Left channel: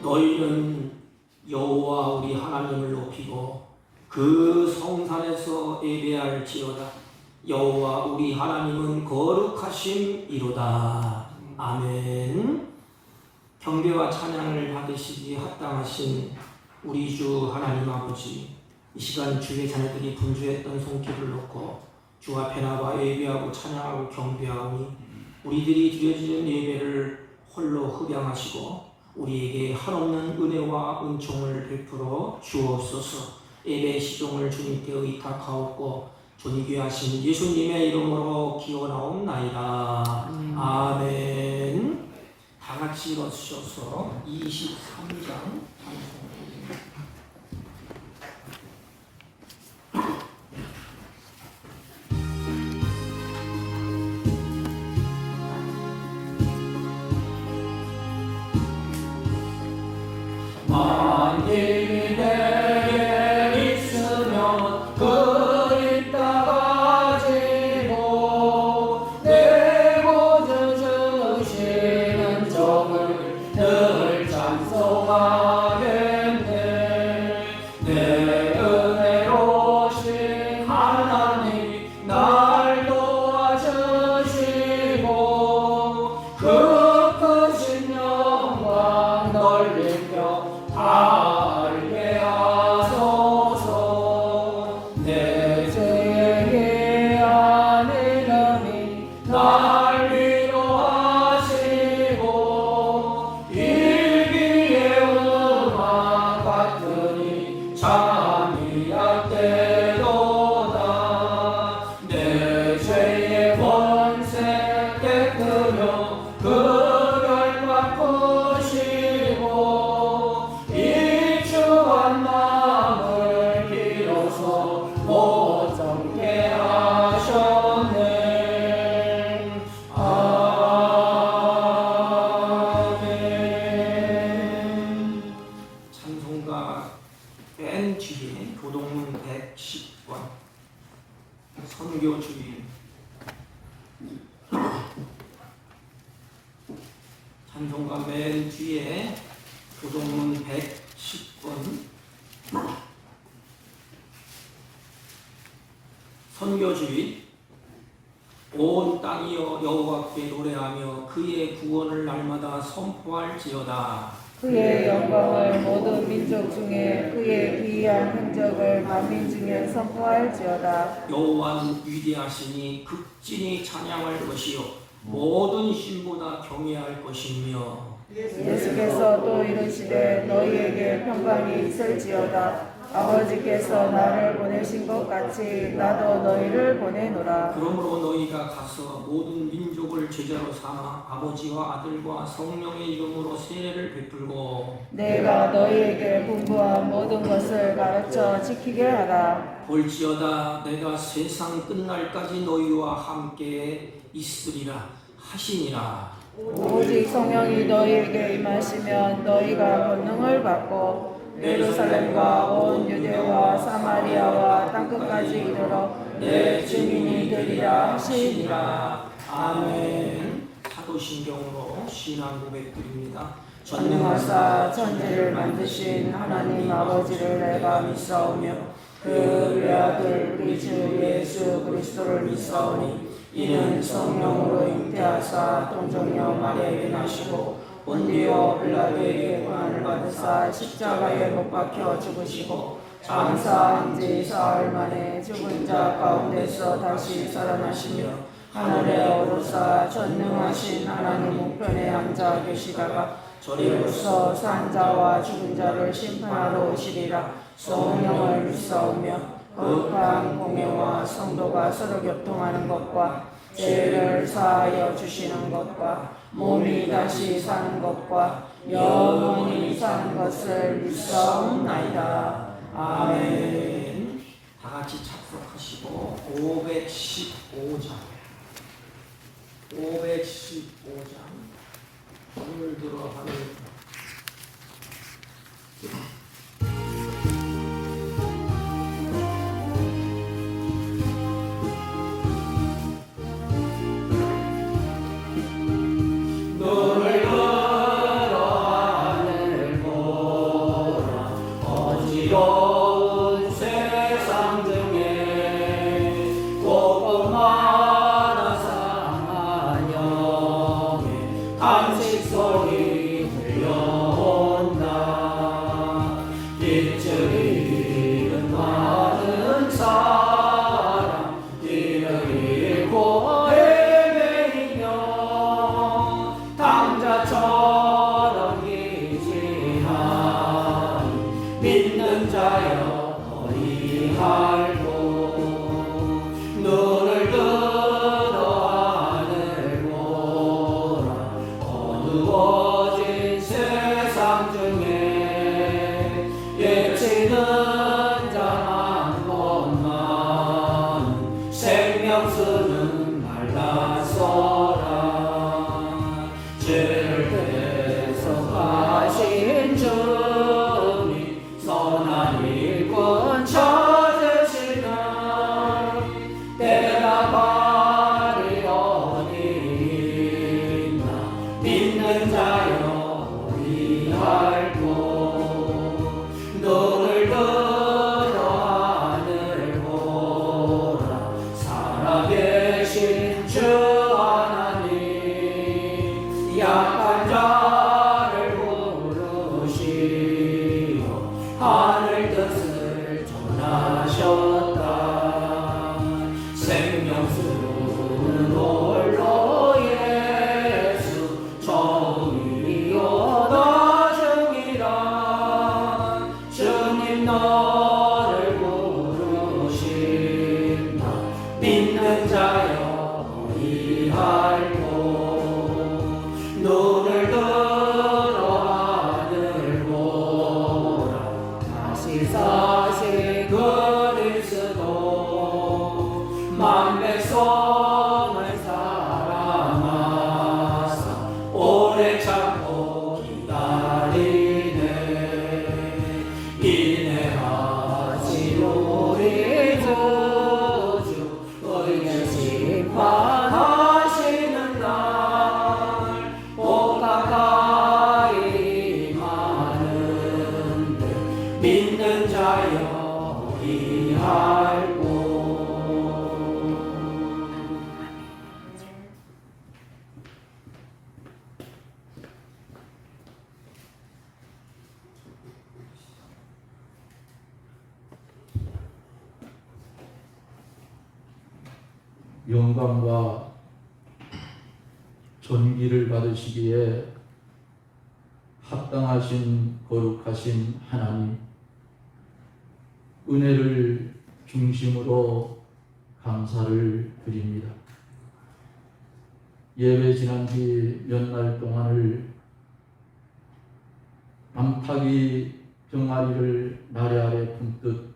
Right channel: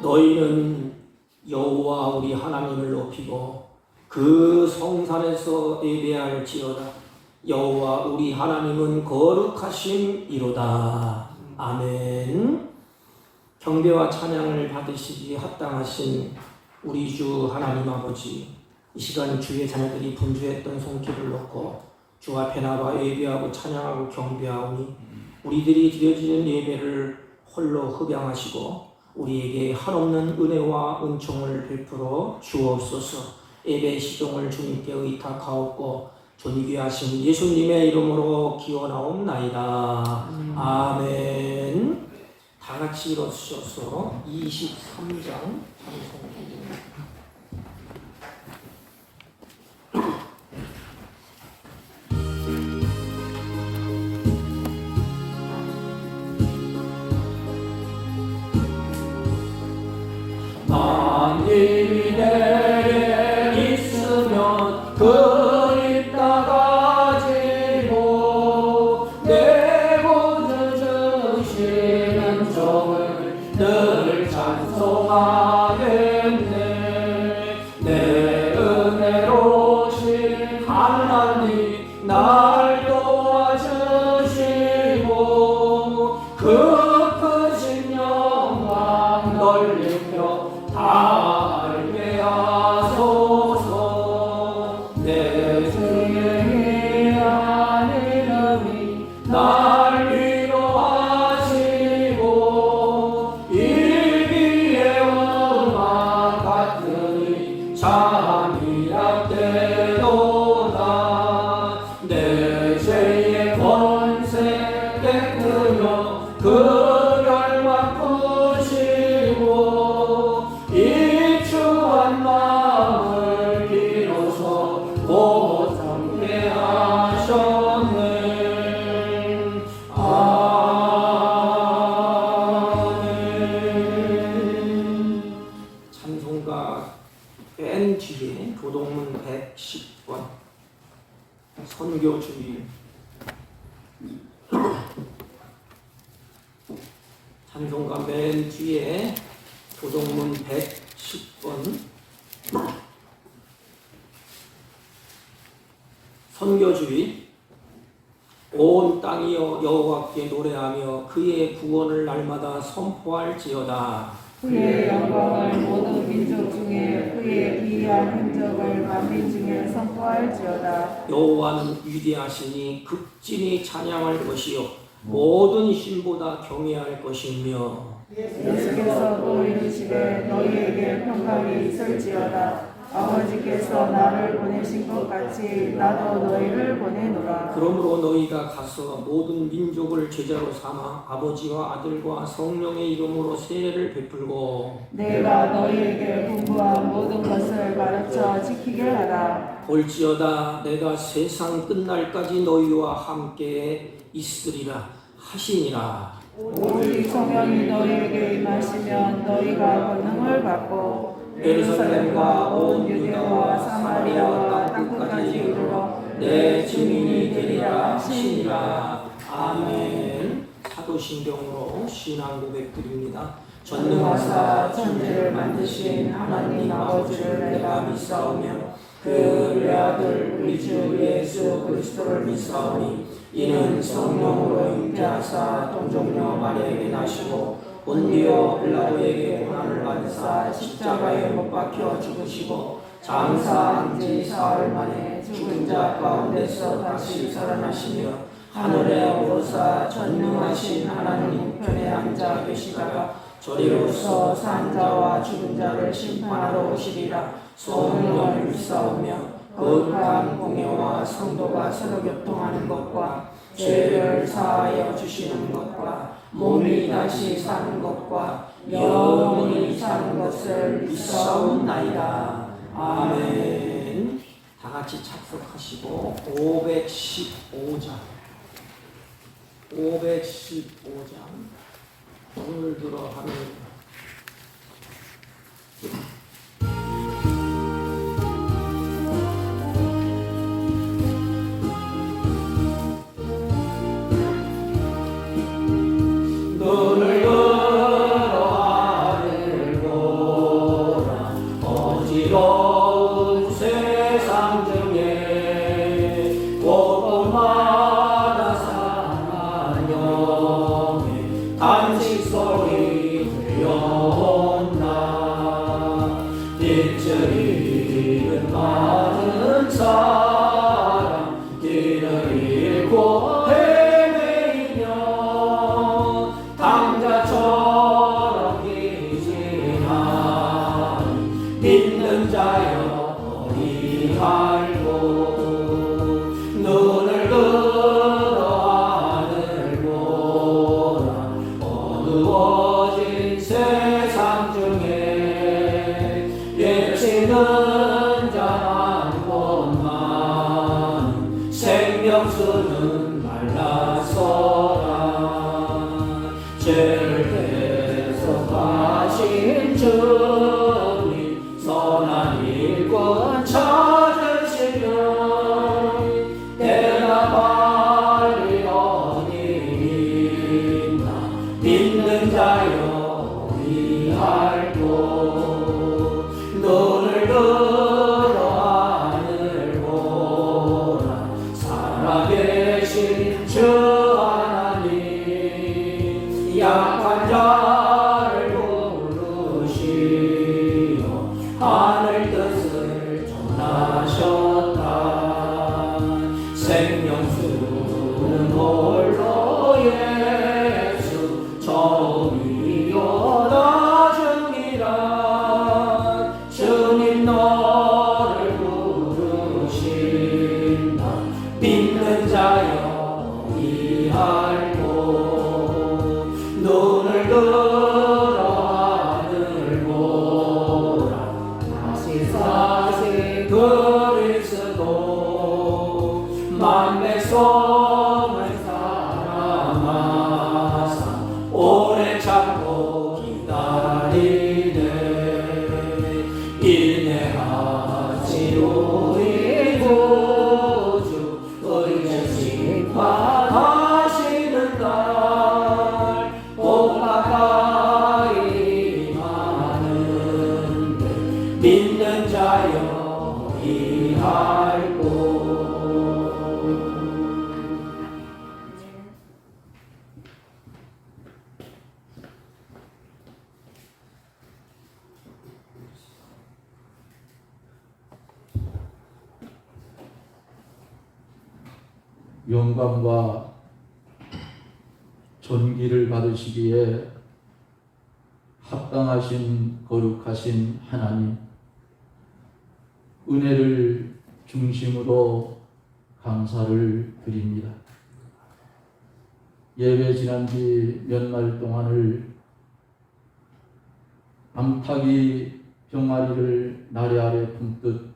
너희는 여호와 우리 하나님을 높이고 그 성산에서 예배할지어다. 여호와 우리 하나님은 거룩하심이로다. 아멘. 경배와 찬양을 받으시기 합당하신 우리 주 하나님 아버지, 이 시간 주의 자녀들이 분주했던 손길을 놓고 주 앞에 나와 예배하고 찬양하고 경배하오니 우리들이 드려지는 예배를 홀로 흡양하시고 우리에게 한없는 은혜와 은총을 베풀어 주옵소서. 예배 시종을 주님께 의탁하옵고 존귀하신 예수님의 이름으로 기원하옵나이다. 아멘. 다 같이 일어서셔서 23장 찬송입니다. 만일이 내게 있으면 그리 따가지고 내 구주 주시는 종을 늘 찬송하겠네. 내 은혜로우신 하나님 날 도와주시고 그 크신 영광 넓히며 알게 하소서. 내 주의 하나님이 날 위로하시고 일기의 음악 같으니 잠이 약되도다. 내 죄의 권세 깨뜨려 그를 바꾸시고 입주한 마음을 비로소 보정케 하셨네. 아멘. 찬송가 맨 뒤에 교동 110권 선교 주일. 찬송가 맨 뒤에 교동문 110권 선교주의. 온 땅이여 여호와께 노래하며 그의 구원을 날마다 선포할지어다. 그의 영광을 모든 민족 중에 그의 위대한 행적을 만민 중에 선포할지어다. 여호와는 위대하시니 극진히 찬양할 것이요 모든 신보다 경외할 것이며. 예수께서 또 이르시되 너희에게 평강이 있을지어다. 아버지께서 나를 보내신 것 같이 나도 너희를 보내노라. 그러므로 너희가 가서 모든 민족을 제자로 삼아 아버지와 아들과 성령의 이름으로 세례를 베풀고 내가 너희에게 분부한 모든 것을 가르쳐 지키게 하라. 볼지어다 내가 세상 끝날까지 너희와 함께 있으리라 하시니라. 오직 성령이 너희에게 임하시면 너희가 권능을 받고 예루살렘과 온 유대와 사마리아와 땅끝까지 이르러 내 증인이 되리라 하시니라. 아멘. 사도신경으로 신앙 고백드립니다. 전능하사 천지를 만드신 하나님 아버지를 내가 믿사오며 그 외아들 우리 주 예수 그리스도를 믿사오니 이는 성령으로 잉태하사 동정녀 마리아에게 나시고 본디오 빌라도에게 고난을 받으사 십자가에 못 박혀 죽으시고 장사한 지 사흘 만에 죽은 자 가운데서 다시 살아나시며 하늘에 오르사 전능하신 하나님 우편에 앉아 계시다가 저리로서 산 자와 죽은 자를 심판하러 오시리라. 성령을 믿사오며 거룩한 공예와 성도가 서로 교통하는 것과 죄를 사하여 주시는 것과 몸이 다시 사는 것과 영원히 사는 것을 믿사옵나이다. 아멘. 다 같이 착석하시고 515장. 515장. 오늘 들어 하는 눈을 들어 하늘을 보라 어지러운 세상 중에 고구마나 상한 영의 단식 소리 들려온다 빛을 잃은 많은 사람 길을 잃고 당자처럼 기지만 믿는 자여 어디 할고 눈을 들어 하늘 보라 어두워진 세상 중에 예치는 자만 것만 생명수는 말라서라 죄를 대속하신 주님 선한 일꾼 찾으시면 대답하리 어디 있나 믿는 자여 어디 할고 눈을 들어 하늘 보라 살아계신 주 하나님 약한 자를 부르시어 하늘 뜻을 전하셨다 생명수는 홀로 예수 정의요 나중이라 주님 너를 부르신다 믿는 자여 어디 할고 눈을 들어 하늘 보라 다시 사실 그리스도 만백성을 사랑하사 오래 참고 기다리네 인내하시 우리 구주 의의 심판하시는 날 가까이 많은데 믿는 자여 어디 할고 영광과 존귀를 받으시기에 합당하신 거룩하신 하나님, 은혜를 중심으로 감사를 드립니다. 예배 지난 지 몇 날 동안을 암탉이 병아리를 나래 아래 품듯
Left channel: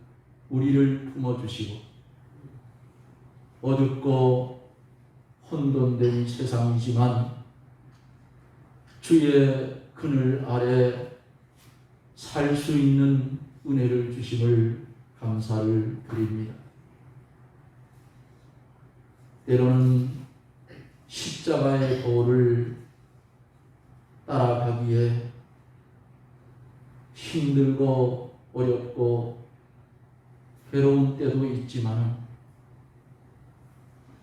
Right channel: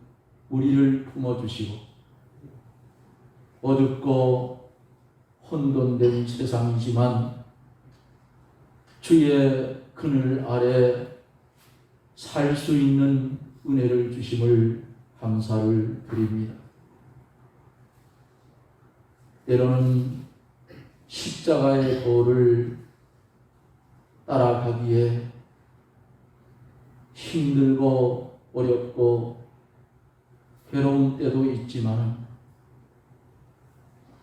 우리를 품어주시고 어둡고 혼돈된 세상이지만 주의 그늘 아래 살 수 있는 은혜를 주심을 감사를 드립니다. 때로는 십자가의 도를 따라가기에 힘들고 어렵고 괴로운 때도 있지만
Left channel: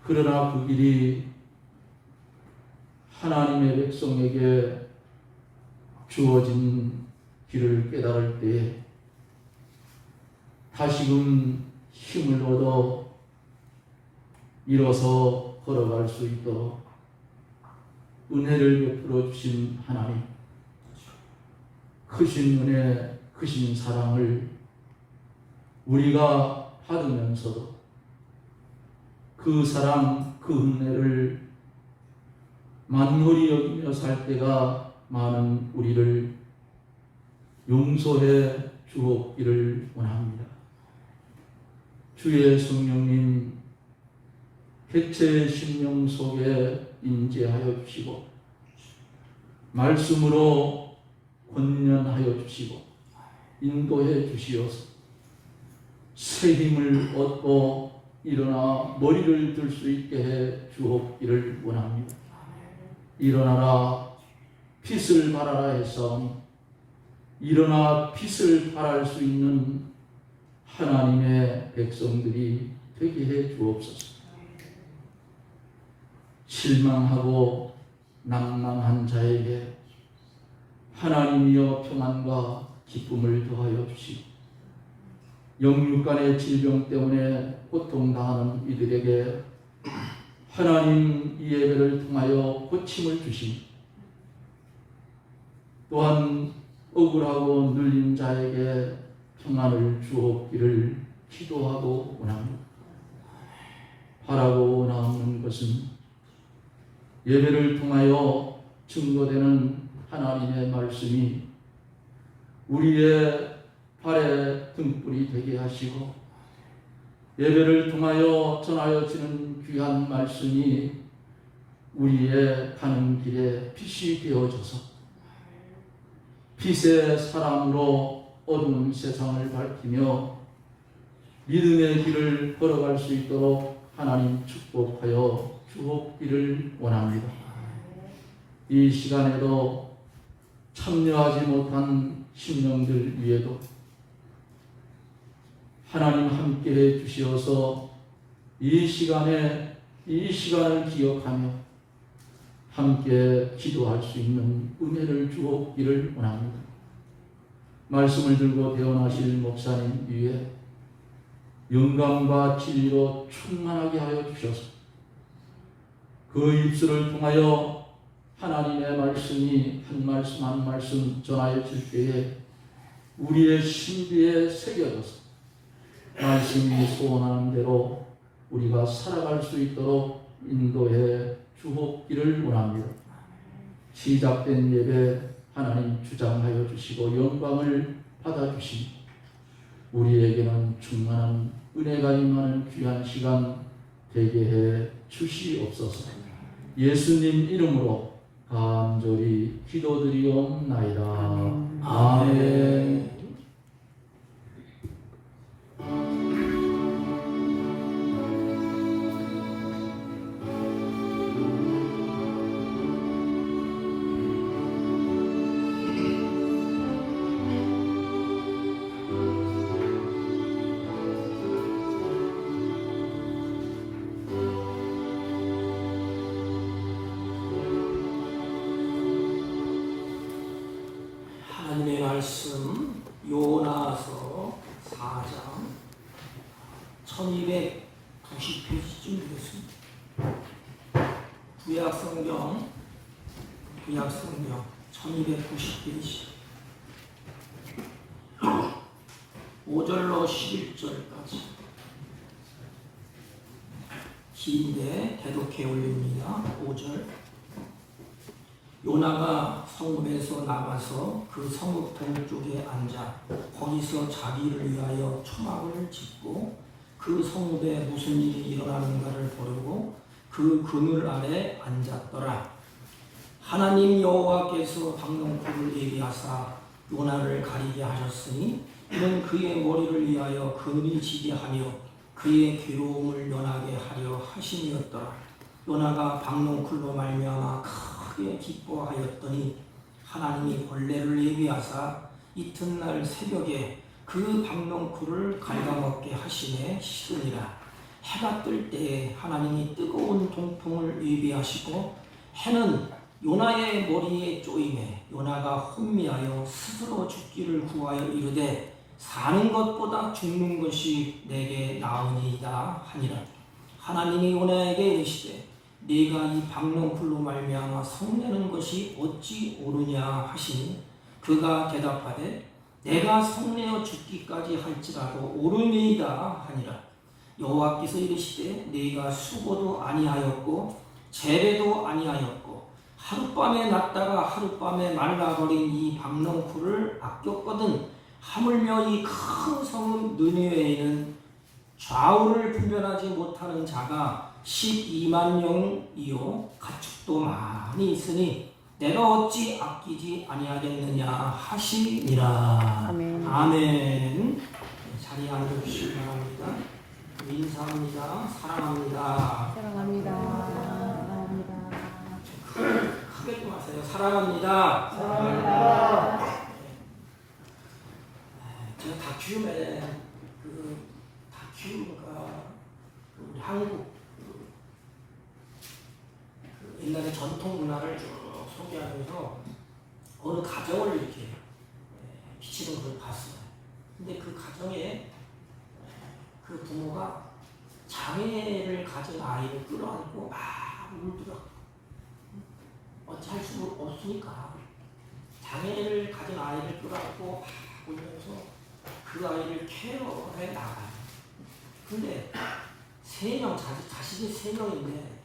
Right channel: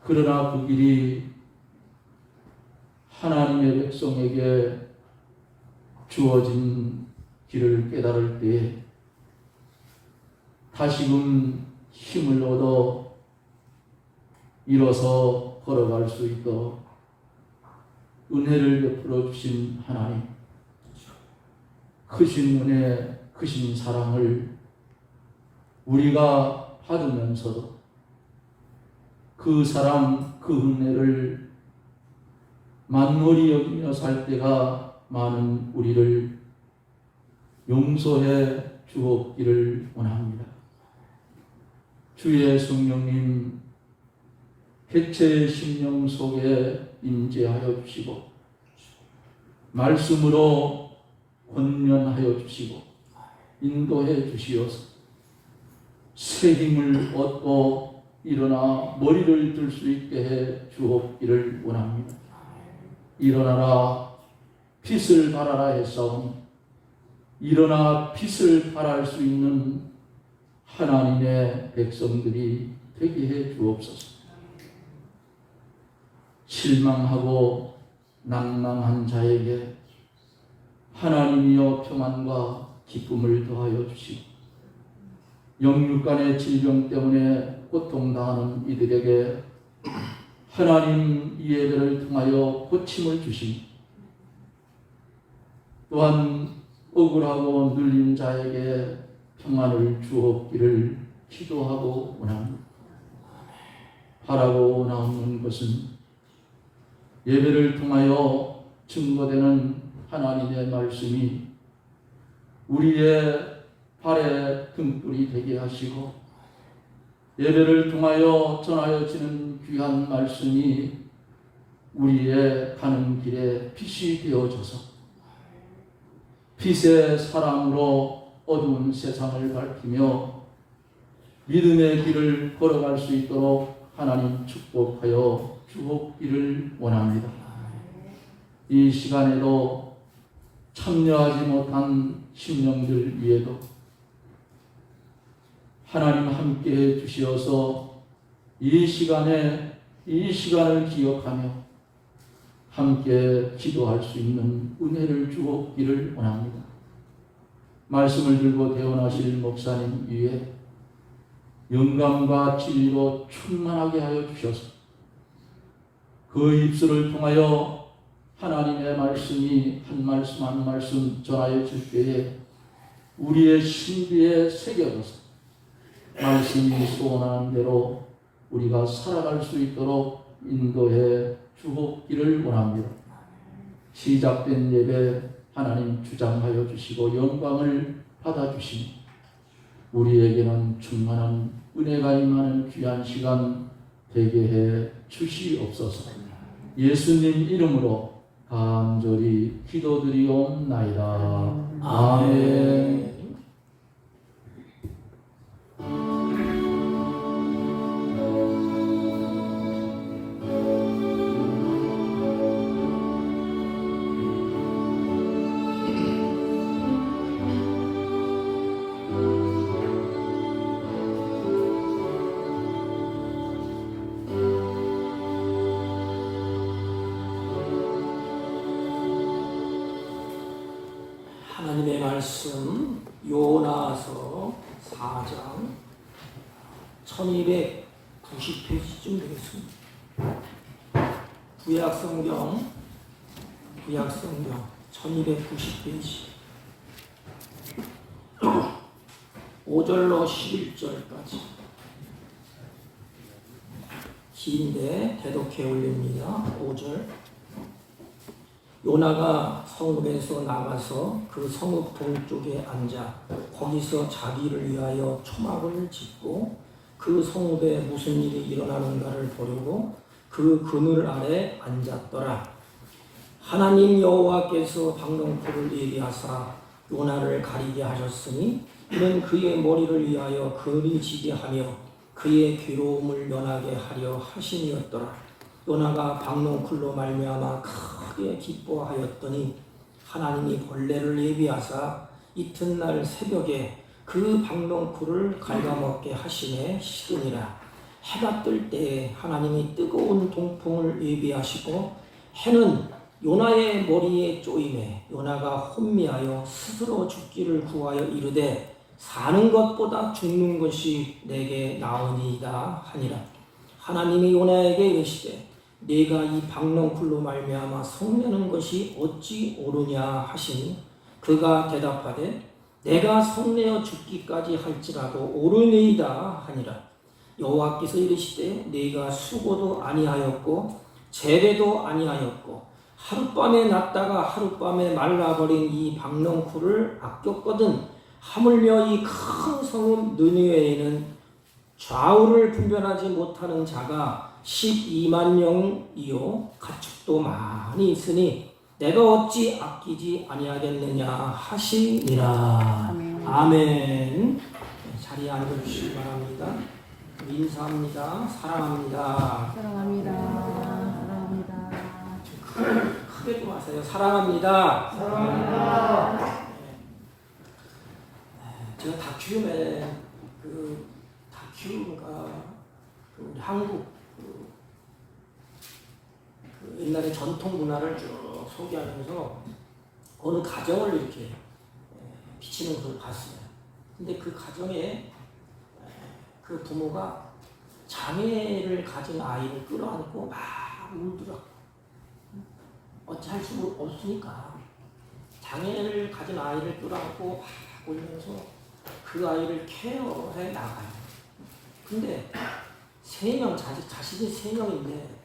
그러나 그 길이 하나님의 백성에게 주어진 길을 깨달을 때에 다시금 힘을 얻어 일어서 걸어갈 수 있도록 은혜를 베풀어 주신 하나님, 크신 은혜, 크신 사랑을 우리가 받으면서도 그 사랑, 그 은혜를 만물이 여기며 살 때가 많은 우리를 용서해 주옵기를 원합니다. 주의 성령님 개체의 심령 속에 임재하여 주시고 말씀으로 권면하여 주시고 인도해 주시어서 새 힘을 얻고 일어나 머리를 들 수 있게 해 주옵기를 원합니다. 일어나라 빛을 발하라 했사오니 일어나 빛을 발할 수 있는 하나님의 백성들이 되게 해 주옵소서. 실망하고 낭망한 자에게 하나님이여 평안과 기쁨을 더하여 주시고 영육간의 질병 때문에 고통당하는 이들에게 하나님 이 예배를 통하여 고침을 주시니 또한 억울하고 눌린 자에게 평안을 주옵기를 기도하고 원합니다. 바라고 원하는 것은 예배를 통하여 증거되는 하나님의 말씀이 우리의 발에 등불이 되게 하시고 예배를 통하여 전하여지는 귀한 말씀이 우리의 가는 길에 빛이 되어져서 빛의 사랑으로 어두운 세상을 밝히며 믿음의 길을 걸어갈 수 있도록 하나님 축복하여 주옵기를 원합니다. 이 시간에도 참여하지 못한 심령들 위에도 하나님 함께해 주시어서 이 시간을 기억하며 함께 기도할 수 있는 은혜를 주옵기를 원합니다. 말씀을 들고 대언하실 목사님 위에 영감과 진리로 충만하게 하여 주셔서 그 입술을 통하여 하나님의 말씀이 한 말씀 한 말씀 전하여 줄 때에 우리의 신비에 새겨져서 말씀이 소원하는 대로 우리가 살아갈 수 있도록 인도해 주옵기를 원합니다. 시작된 예배 하나님 주장하여 주시고 영광을 받아주시니 우리에게는 충만한 은혜가 임하는 귀한 시간 되게 해 주시옵소서. 예수님 이름으로 간절히 기도드리옵나이다. 아멘. 하나님의 말씀 요나서 4장 1290페이지쯤 되겠습니다. 구약성경 1290페이지 5절로 11절까지 긴데 대독해 올립니다. 5절 요나가 성읍에서 나가서 그 성읍 동쪽에 앉아 거기서 자기를 위하여 초막을 짓고 그 성읍에 무슨 일이 일어나는가를 보려고 그 그늘 아래 앉았더라. 하나님 여호와께서 방명포를 예비하사 요나를 가리게 하셨으니 이는 그의 머리를 위하여 그늘이 지게 하며 그의 괴로움을 면하게 하려 하심이었더라. 요나가 방명풀로 말미암아 크게 기뻐하였더니 하나님이 벌레를 예비하사 이튿날 새벽에 그 방명풀을 갉아먹게 하시매 식으니라. 해가 뜰 때에 하나님이 뜨거운 동풍을 예비하시고 해는 요나의 머리에 쪼임에 요나가 혼미하여 스스로 죽기를 구하여 이르되 사는 것보다 죽는 것이 내게 나으니이다 하니라. 하나님이 요나에게 이르시되 네가 이 방명풀로 말미암아 성내는 것이 어찌 옳으냐 하시니 그가 대답하되 내가 성내어 죽기까지 할지라도 옳으니이다 하니라. 여호와께서 이르시되 네가 수고도 아니하였고 재배도 아니하였고 하룻밤에 났다가 하룻밤에 말라버린 이 방명풀을 아꼈거든 하물며 이 큰 성읍 느니웨에는 좌우를 분별하지 못하는 자가 12만 영이요 가축도 많이 있으니 내가 어찌 아끼지 아니하겠느냐 하시니라. 아멘. 아멘. 자리에 앉아주시기 바랍니다. 인사합니다. 사랑합니다. 사랑합니다. 사랑합니다. 크게 좀 하세요. 사랑합니다. 사랑합니다. 제가 다큐멘에 다큐가 우리 한국 그 옛날의 전통 문화를 쭉 소개하면서 어느 가정을 이렇게 비치는 것을 봤어요. 근데 그 가정에 그 부모가 장애를 가진 아이를 끌어안고 막 울더라. 어찌할 수 없으니까 장애를 가진 아이를 끌어안고 막 울면서 그 아이를 케어해 나가요. 근데 자식이 3명인데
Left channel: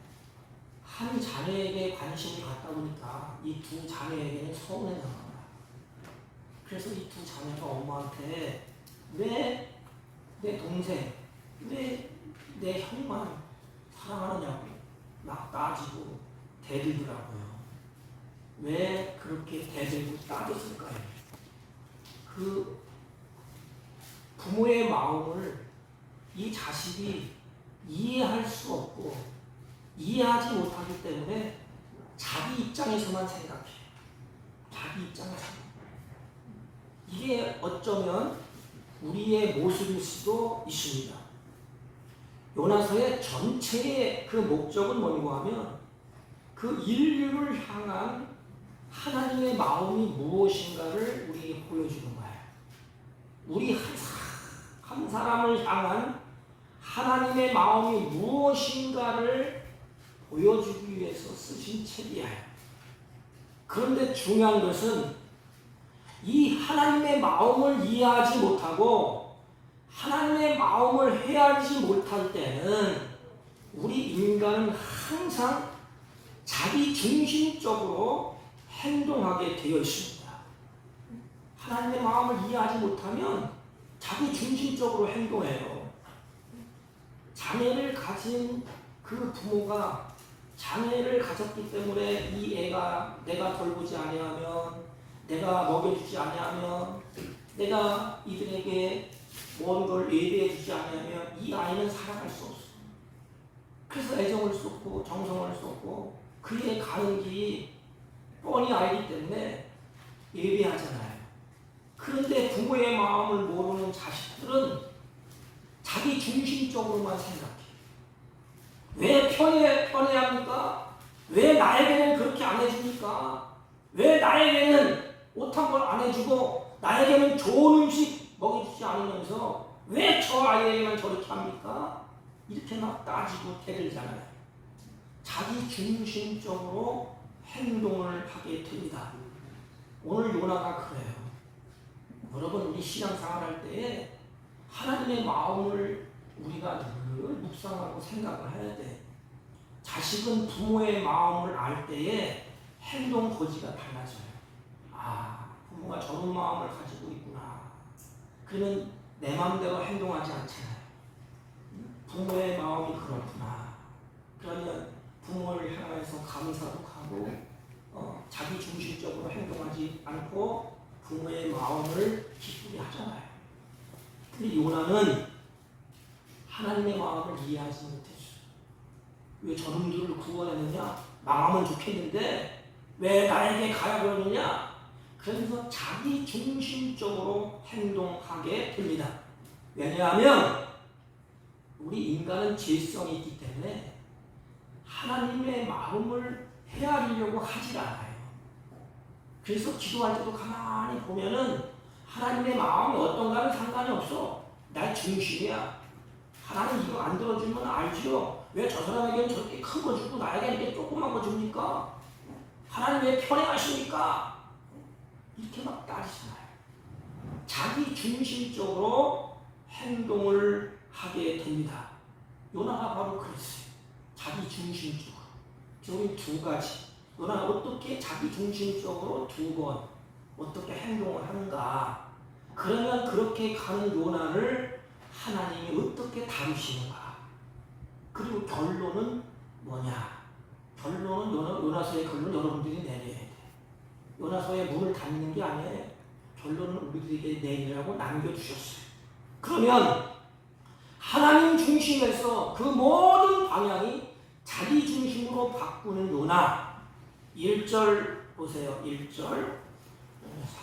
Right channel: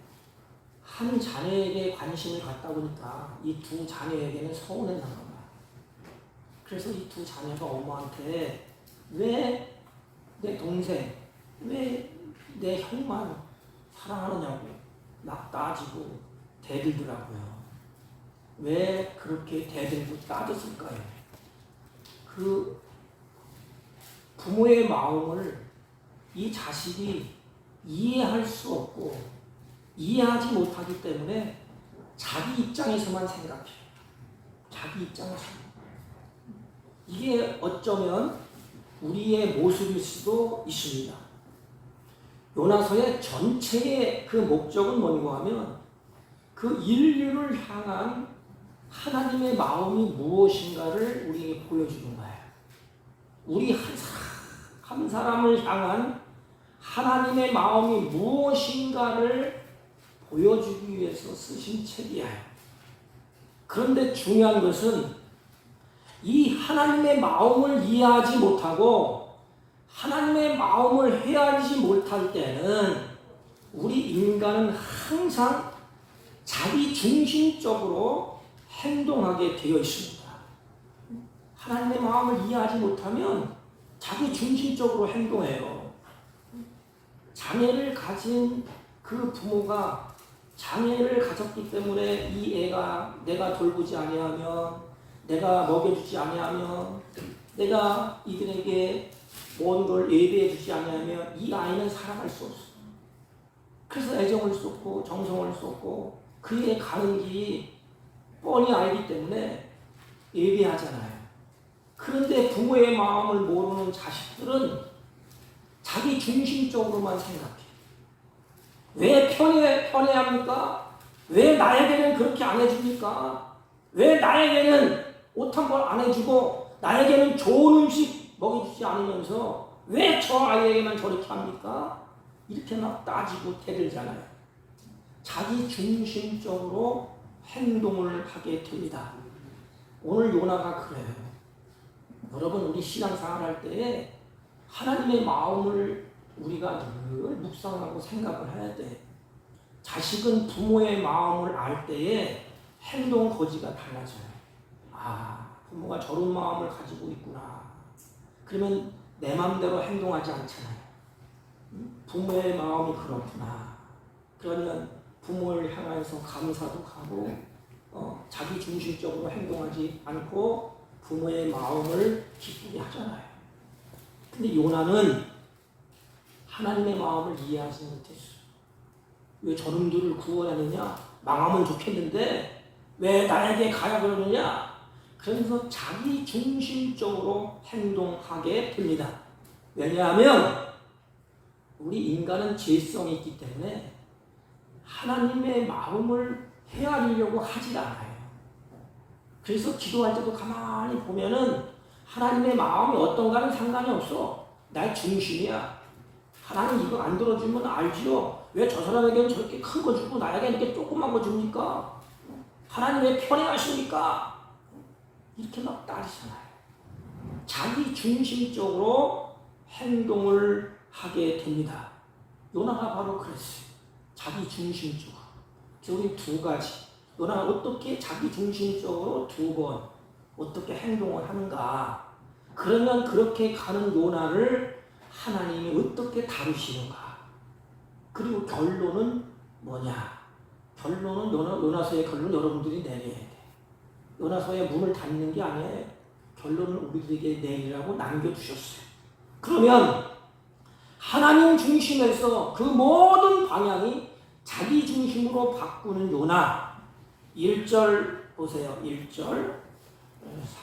한 자녀에게 관심을 갖다 보니까 이 두 자녀에게는 서운해 하는 거야. 그래서 이 두 자녀가 엄마한테 왜 내 동생, 왜 내 형만 사랑하느냐고 막 따지고 대들더라고요. 왜 그렇게 대들고 따졌을까요? 그 부모의 마음을 이 자식이 이해할 수 없고 이해하지 못하기 때문에 자기 입장에서만 생각해. 자기 입장에서. 이게 어쩌면 우리의 모습일 수도 있습니다. 요나서의 전체의 그 목적은 뭔가 하면 그 인류를 향한 하나님의 마음이 무엇인가를 우리에게 보여주는 거예요. 우리 한 사람을 향한 하나님의 마음이 무엇인가를 보여주기 위해서 쓰신 책이야. 그런데 중요한 것은 이 하나님의 마음을 이해하지 못하고 하나님의 마음을 헤아리지 못할 때는 우리 인간은 항상 자기 중심적으로 행동하게 되어 있습니다. 하나님의 마음을 이해하지 못하면 자기 중심적으로 행동해요. 장애를 가진 그 부모가 장애를 가졌기 때문에 이 애가 내가 돌보지 아니하면, 내가 먹여주지 아니하면, 내가 이들에게 먼 걸 예배해 주지 아니하면 이 아이는 살아갈 수 없어. 그래서 애정을 쏟고 정성을 쏟고 그에게 가는 길이 뻔히 알기 때문에 예배하잖아요. 그런데 부모의 마음을 모르는 자식들은 자기 중심적으로만 생각해. 왜 편애합니까? 왜 나에게는 그렇게 안 해줍니까? 왜 나에게는 옷 한 벌 안 해주고 나에게는 좋은 음식 먹여주지 않으면서 왜 저 아이에게만 저렇게 합니까? 이렇게 막 따지고 대들잖아요. 자기 중심적으로 행동을 하게 됩니다. 오늘 요나가 그래요. 여러분, 우리 신앙생활 할 때에 하나님의 마음을 우리가 늘 묵상하고 생각을 해야 돼. 자식은 부모의 마음을 알 때에 행동 거지가 달라져요. 아, 부모가 저런 마음을 가지고 있구나. 그러면 내 마음대로 행동하지 않잖아요. 부모의 마음이 그렇구나. 그러면 부모를 향해서 감사도 하고 자기 중심적으로 행동하지 않고 부모의 마음을 기쁘게 하잖아요. 근데 요나는 하나님의 마음을 이해하지 못했어. 왜 저놈들을 구원하느냐? 망하면 좋겠는데 왜 나에게 가야 그러느냐? 그래서 자기 중심적으로 행동하게 됩니다. 왜냐하면 우리 인간은 죄성이 있기 때문에 하나님의 마음을 헤아리려고 하지 않아요. 그래서 기도할 때도 가만히 보면은 하나님의 마음이 어떤가는 상관이 없어. 날 중심이야. 하나님 이거 안 들어주면 알지요. 왜 저 사람에게는 저렇게 큰 거 주고 나에게는 이렇게 조그만 거 줍니까? 하나님 왜 편애하십니까? 이렇게 막 따지잖아요. 자기 중심적으로 행동을 하게 됩니다. 요나가 바로 그랬어요. 자기 중심적으로. 우리 두 가지. 요나가 어떻게 자기 중심적으로 두 번 어떻게 행동을 하는가. 그러면 그렇게 가는 요나를 하나님이 어떻게 다루시는가. 그리고 결론은 뭐냐? 결론은 요나서의 결론 여러분들이 내려야 돼. 요나서의 문을 닫는 게 아니에요. 결론은 우리들에게 내리라고 남겨주셨어요. 그러면 하나님 중심에서 그 모든 방향이 자기 중심으로 바꾸는 요나 1절 보세요. 1절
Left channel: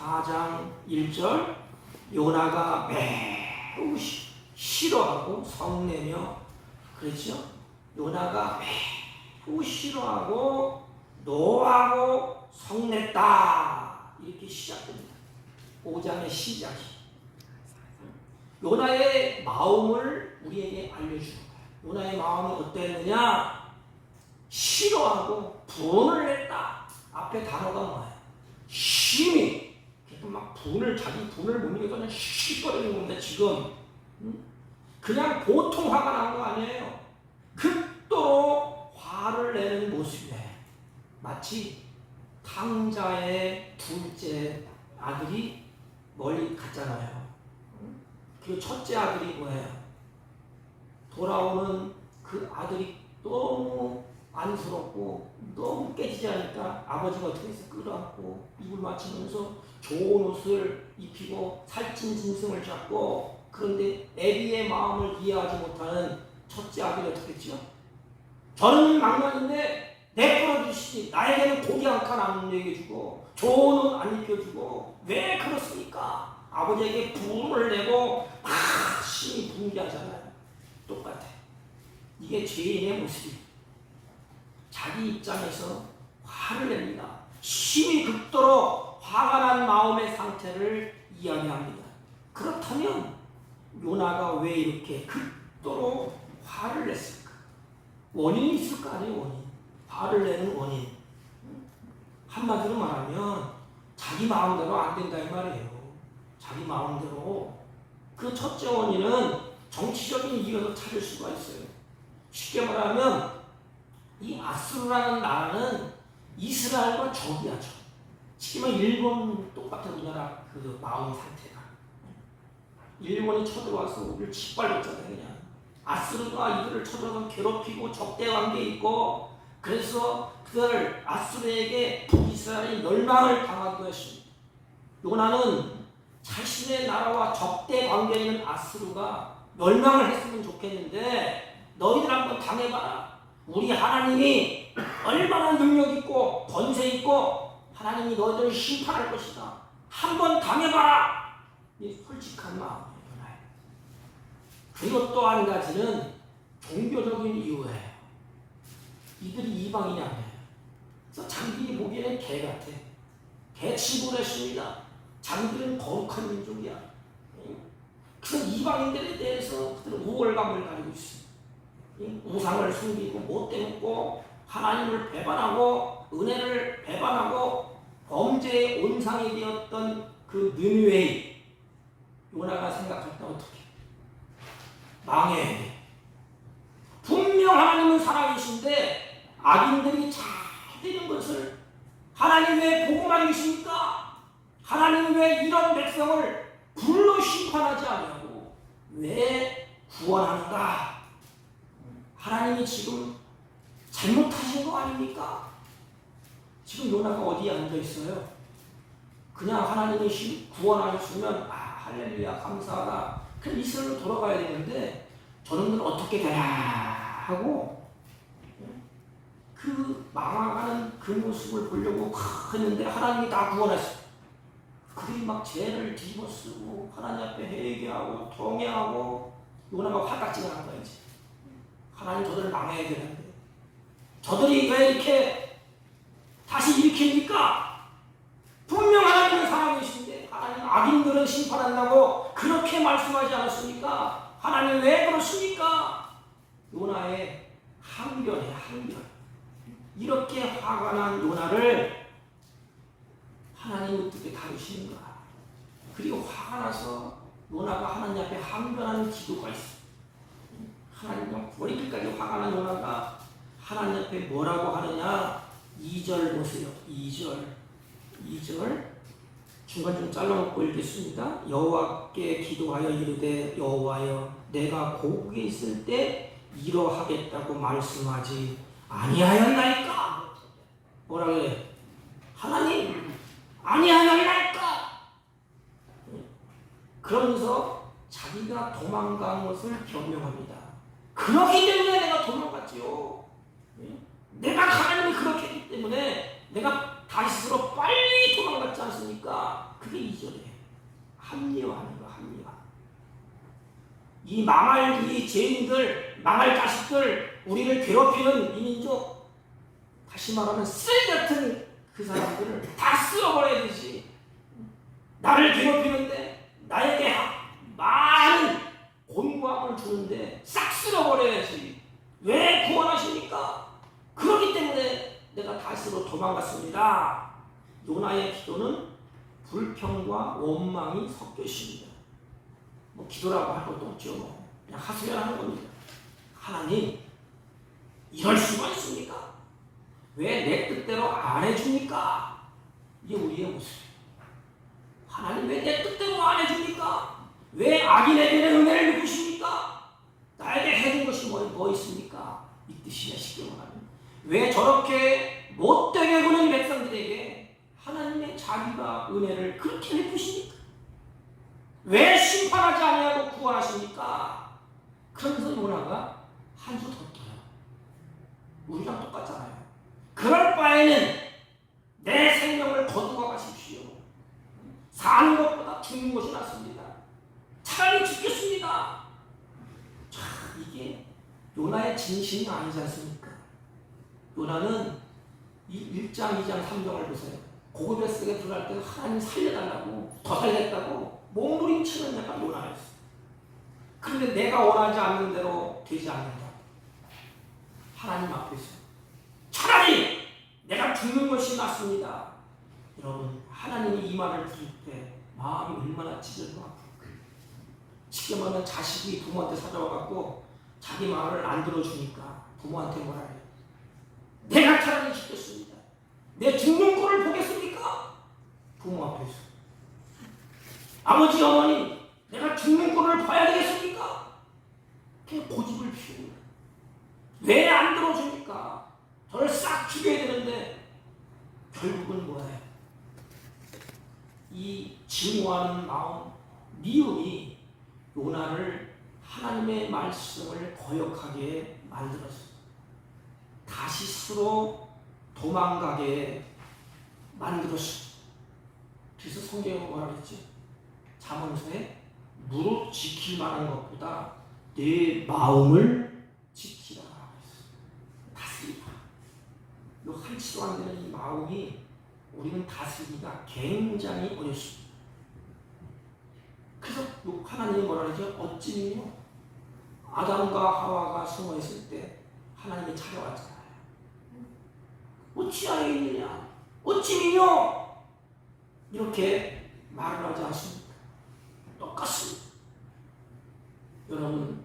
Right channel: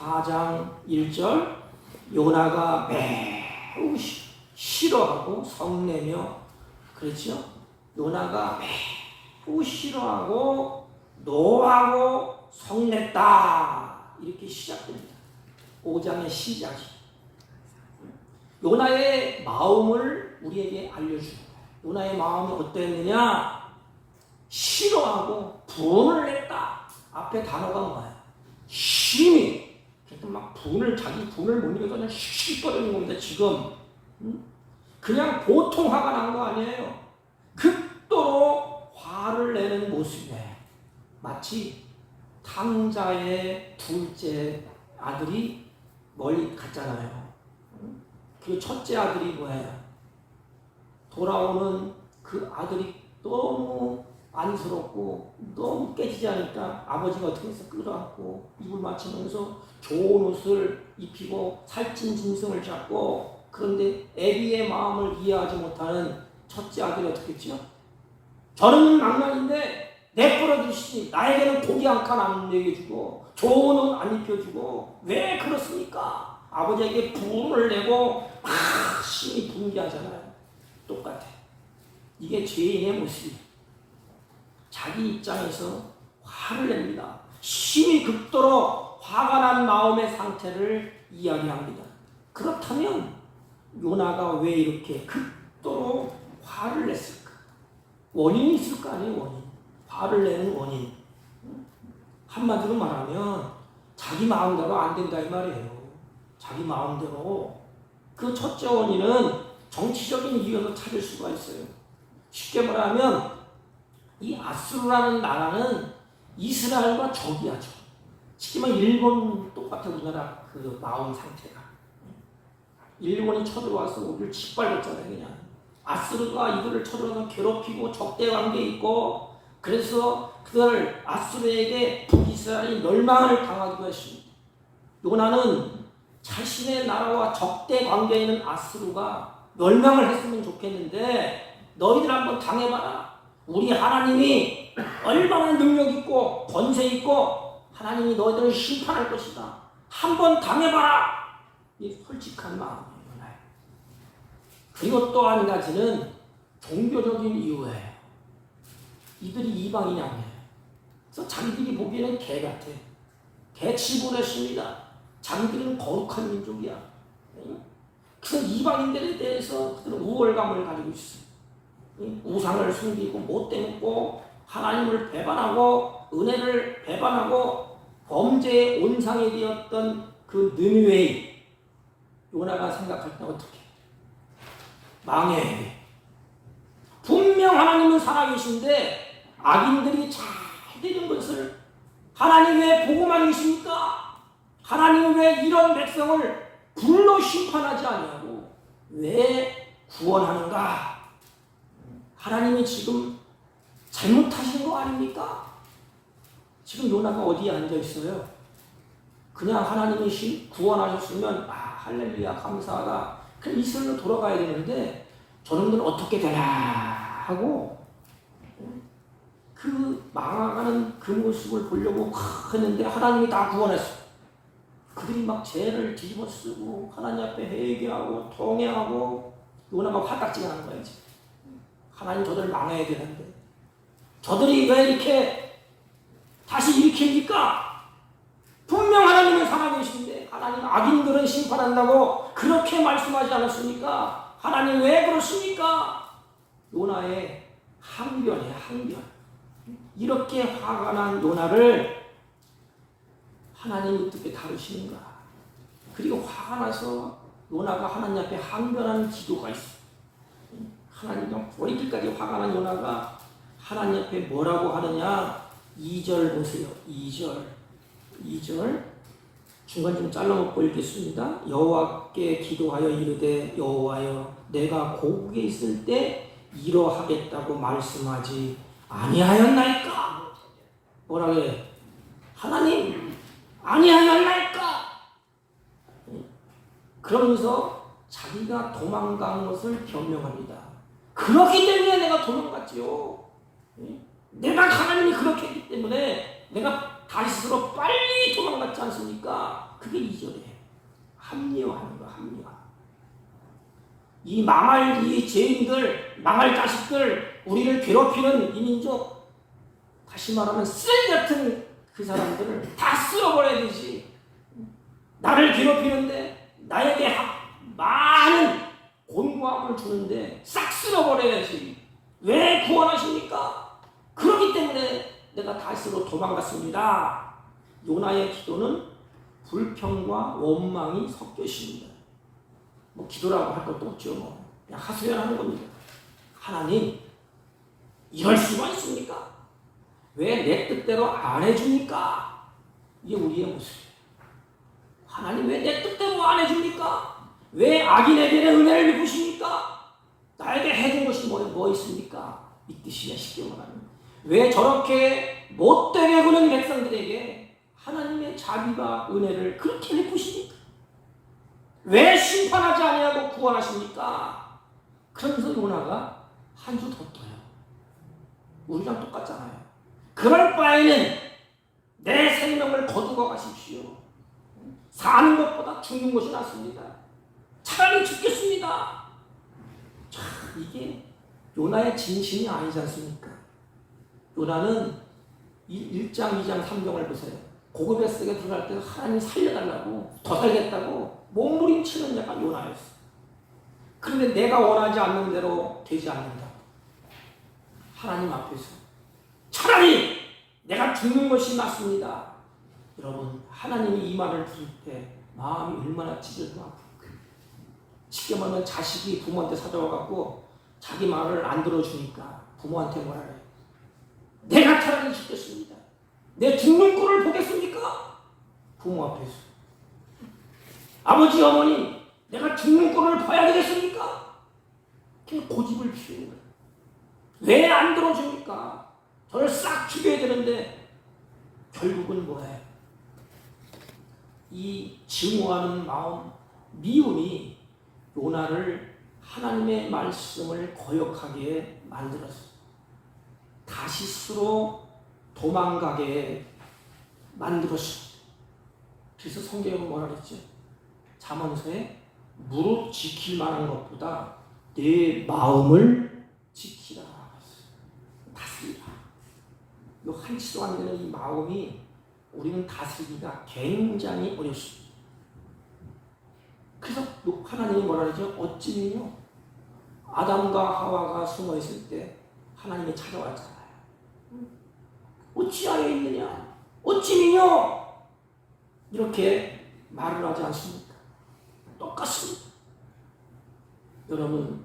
4장 1절 요나가 매우 싫어하고 성내며 그렇죠? 요나가 매우 싫어하고 노하고 성냈다 이렇게 시작됩니다. 5장의 시작이 요나의 마음을 우리에게 알려주는 거예요. 요나의 마음이 어땠느냐? 싫어하고 분을 냈다. 앞에 단어가 뭐예요? 심히 막 자기 분을 못 이겨서 그냥 씩 버리는 겁니다. 지금 그냥 보통 화가 난 거 아니에요. 극도로 화를 내는 모습이에요. 마치 탕자의 둘째 아들이 멀리 갔잖아요. 그 첫째 아들이 뭐예요? 돌아오는 그 아들이 너무 안쓰럽고 너무 깨지지 않으니까 아버지가 어떻게 해서 끌어안고 입을 맞추면서 좋은 옷을 입히고 살찐 짐승을 잡고 그런데 애비의 마음을 이해하지 못하는 첫째 아들이 어떻게 했죠? 저는 망나니인데 내버려 두시지 나에게는 고기 한 칸 안 먹여주고 좋은 옷 안 입혀주고 왜 그렇습니까? 아버지에게 분을 내고 심히 분개하잖아요. 똑같아. 이게 죄인의 모습이에요. 자기 입장에서 화를 냅니다. 심히 극도로 화가 난 마음의 상태를 이야기합니다. 그렇다면 요나가 왜 이렇게 극도로 화를 냈을까? 원인이 있을 거 아니에요. 원인. 화를 내는 원인. 한마디로 말하면 자기 마음대로 안 된다 이 말이에요. 자기 마음대로. 그 첫째 원인은 정치적인 이유로 찾을 수가 있어요. 쉽게 말하면 이 아수르라는 나라는 이스라엘과 적이야죠. 쉽게 말하면 일본 똑같아 우리나라 그 마음 상태가. 일본이 쳐들어와서 우리를 짓밟았잖아요. 그냥 아수르가 이들을 쳐들어와서 괴롭히고 적대 관계에 있고 그래서 그들 아수르에게 북이스라엘이 멸망을 당하기도 했습니다. 요나는 자신의 나라와 적대 관계에 있는 아수르가 멸망을 했으면 좋겠는데 너희들 한번 당해봐라. 우리 하나님이 얼마나 능력 있고 권세 있고 하나님이 너희들을 심판할 것이다. 한번 당해봐라. 이 솔직한 마음이에요. 그리고 또 한 가지는 종교적인 이유예요. 이들이 이방인이냐고요. 그래서 자기들이 보기에는 개 같아. 개 취급을 했습니다. 자기들은 거룩한 민족이야. 그래서 이방인들에 대해서 그들은 우월감을 가지고 있어. 우상을 숨기고 못돼 먹고 하나님을 배반하고 은혜를 배반하고 범죄의 온상이 되었던 그 느느웨이 요나가 생각할 때 어떻게 망해야 돼. 분명 하나님은 살아계신데 악인들이 잘 되는 것을 하나님 왜 보고만 계십니까? 하나님 왜 이런 백성을 불로 심판하지 않냐고 왜 구원하는가? 하나님이 지금 잘못하신 거 아닙니까? 지금 요나가 어디에 앉아 있어요? 그냥 하나님이 구원하셨으면 할렐루야 감사하다. 그럼 이스라엘로 돌아가야 되는데 저놈들은 어떻게 되나 하고 그 망하는 그 모습을 보려고 했는데 하나님이 다 구원했어. 그들이 막 죄를 뒤집어 쓰고 하나님 앞에 회개하고 통회하고 요나가 화딱지가 난 거야 이제. 하나님 저들을 망해야 되는데 저들이 왜 이렇게 다시 일으킵니까? 분명 하나님은 살아계신데 하나님 악인들은 심판한다고 그렇게 말씀하지 않았습니까? 하나님 왜 그렇습니까? 요나의 항변이에요. 항변. 이렇게 화가 난 요나를 하나님 어떻게 다루시는가? 그리고 화가 나서 요나가 하나님 앞에 항변하는 기도가 있어. 하나님과 머리끝까지 화가 난 요나가 하나님 앞에 뭐라고 하느냐? 2절 보세요. 2절 중간 좀 잘라먹고 읽겠습니다. 여호와께 기도하여 이르되 여호와여 내가 고국에 있을 때 이러하겠다고 말씀하지 아니하였나이까? 뭐라 그래요? 하나님 아니하였나이까? 그러면서 자기가 도망간 것을 변명합니다. 그렇기 때문에 내가 도망갔지요. 내가 하나님이 그렇게 했기 때문에 내가 다시스로 빨리 도망갔지 않습니까? 그게 2절이에요. 합리화하는 거, 합리화. 이 망할 이 죄인들, 망할 자식들, 우리를 괴롭히는 이 민족, 다시 말하면 쓰레기 같은 그 사람들을 다 쓸어버려야 되지. 나를 괴롭히는데 나에게 많은 곤고함을 주는데 싹 쓸어버려야지. 왜 구원하십니까? 그렇기 때문에 내가 다시로 도망갔습니다. 요나의 기도는 불평과 원망이 섞여 있습니다. 뭐 기도라고 할 것도 없죠. 그냥 하소연하는 겁니다. 하나님, 이럴 수가 있습니까? 왜 내 뜻대로 안 해줍니까? 이게 우리의 모습이에요. 하나님 왜 내 뜻대로 안 해줍니까? 왜 악인에게 은혜를 베푸십니까? 나에게 해준 것이 뭐 있습니까? 이 뜻이냐 쉽게 말하면. 왜 저렇게 못되게 구는 백성들에게 하나님의 자비가 은혜를 그렇게 베푸십니까? 왜 심판하지 아니하고 구원하십니까? 그러면서 요나가 한 주 더 떠요. 우리랑 똑같잖아요. 그럴 바에는 내 생명을 거두고 가십시오. 사는 것보다 죽는 것이 낫습니다. 차라리 죽겠습니다. 자, 이게 요나의 진심이 아니지 않습니까? 요나는 1장, 2장, 3장을 보세요. 고급에스에 들어갈 때 하나님 살려달라고, 더 살겠다고 몸부림치는 약간 요나였어. 그런데 내가 원하지 않는 대로 되지 않는다. 하나님 앞에서 차라리 내가 죽는 것이 낫습니다. 여러분, 하나님이 이 말을 들을 때 마음이 얼마나 찢어져. 쉽게 말하면 자식이 부모한테 찾아와갖고 자기 말을 안 들어주니까 부모한테 말해요. 내가 차라리 죽겠습니다. 내 죽는 꼴을 보겠습니까? 부모 앞에서. 아버지, 어머니, 내가 죽는 꼴을 봐야 되겠습니까? 그냥 고집을 피우는 거예요. 왜 안 들어줍니까? 저를 싹 죽여야 되는데 결국은 뭐예요? 이 증오하는 마음, 미움이 요나를 하나님의 말씀을 거역하게 만들었어요. 다시스로 도망가게 만들었어요. 그래서 성경은 뭐라 그랬죠? 잠언서에 무릇 지킬 만한 것보다 내 마음을 지키라 그랬어요. 다스리라. 이 한치도 안 되는 이 마음이 우리는 다스리기가 굉장히 어렵습니다. 그래서 하나님이 뭐라 그러죠? 어찌미뇨? 아담과 하와가 숨어 있을 때 하나님이 찾아왔잖아요. 어찌 안에 있느냐? 어찌미뇨? 이렇게 말을 하지 않습니까? 똑같습니다. 여러분,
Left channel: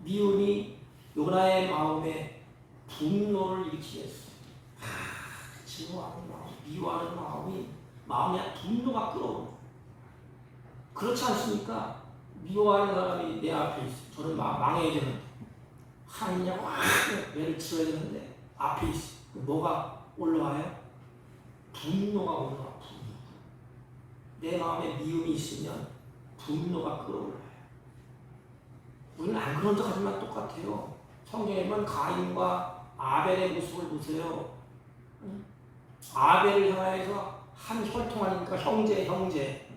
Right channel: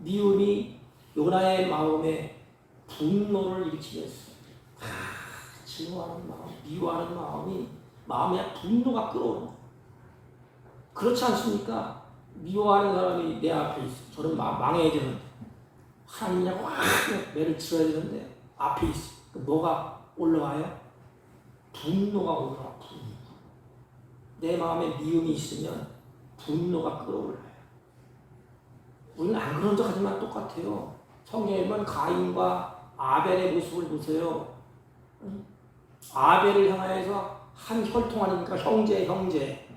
미움이 요나의 마음에 분노를 일으키게 했어요. 증오하는 마음, 미워하는 마음이 마음에 분노가 끌어오는. 그렇지 않습니까? 미워하는 사람이 내 앞에 있어. 저는 망해야 되는데 하나님이냐고 매를 치러야 되는데 앞에 있어. 뭐가 올라와요? 분노가 올라와. 분노. 내 마음에 미움이 있으면 분노가 끌어올라요. 우리는 안 그런 척 하지만 똑같아요. 성경에 보면 가인과 아벨의 모습을 보세요. 아벨을 향해서 한 혈통하니까 형제.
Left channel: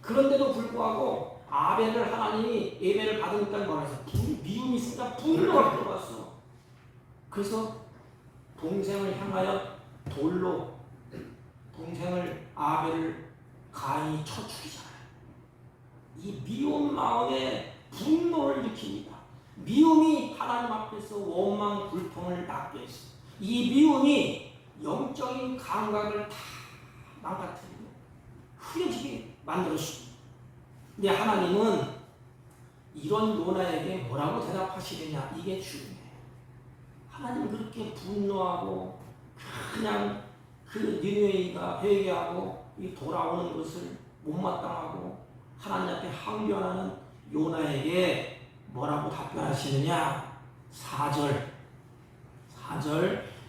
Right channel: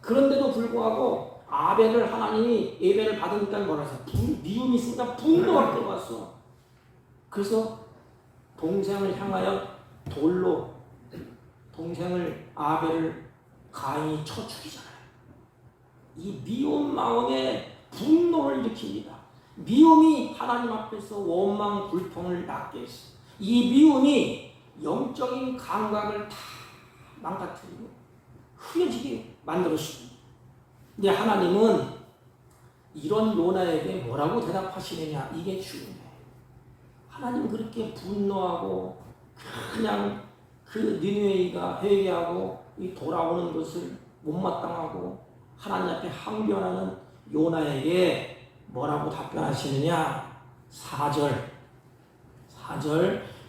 그런데도 불구하고 아벨을 하나님이 예배를 받으니까 뭐라 해서 미움이 있으니까 분노가 들어갔어. 그래서 동생을 향하여 돌로 동생을 아벨을 가인이 쳐 죽이잖아요. 이 미운 마음에 분노를 일으킵니다. 미움이 하나님 앞에서 원망 불평을 낳게 했어. 이 미움이 영적인 감각을 다 망가뜨리고 흐려지게 만들었습니다. 근데 하나님은 이런 요나에게 뭐라고 대답하시느냐, 이게 중요해요. 하나님 그렇게 분노하고 그냥 그 니느웨이가 회개하고 이 돌아오는 것을 못마땅하고 하나님 앞에 항변하는 요나에게 뭐라고 답변하시느냐? 4절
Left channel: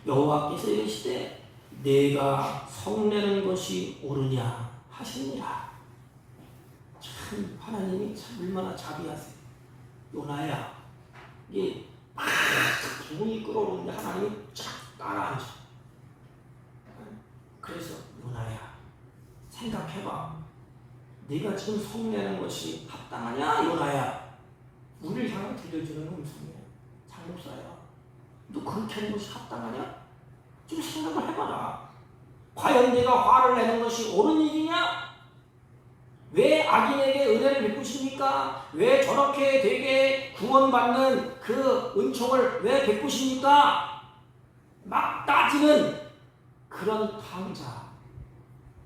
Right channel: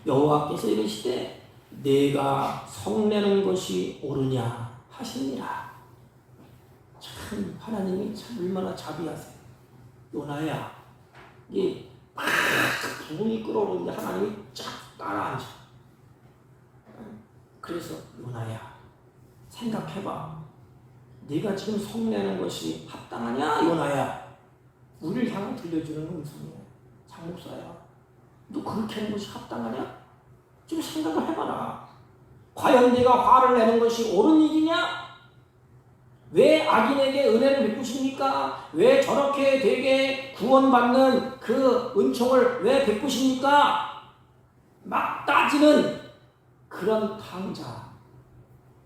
여호와께서 이르시되 내가 성내는 것이 옳으냐 하시니라. 참 하나님이 참 얼마나 자비하세요. 요나야, 이게 막 기분이 끓어오르는데 하나님이 쫙 따라앉아. 그래서 요나야, 생각해봐. 네가 지금 성내는 것이 합당하냐 요나야. 우리를 향해 들려주는 음성이야. 장목사야, 너 그렇게 하는 것이 합당하냐? 좀 생각을 해봐라. 과연 내가 화를 내는 것이 옳은 일이냐? 왜 악인에게 은혜를 베푸십니까? 왜 저렇게 되게 구원받는 그 은총을 왜 베푸십니까? 막 따지는 그런 탕자,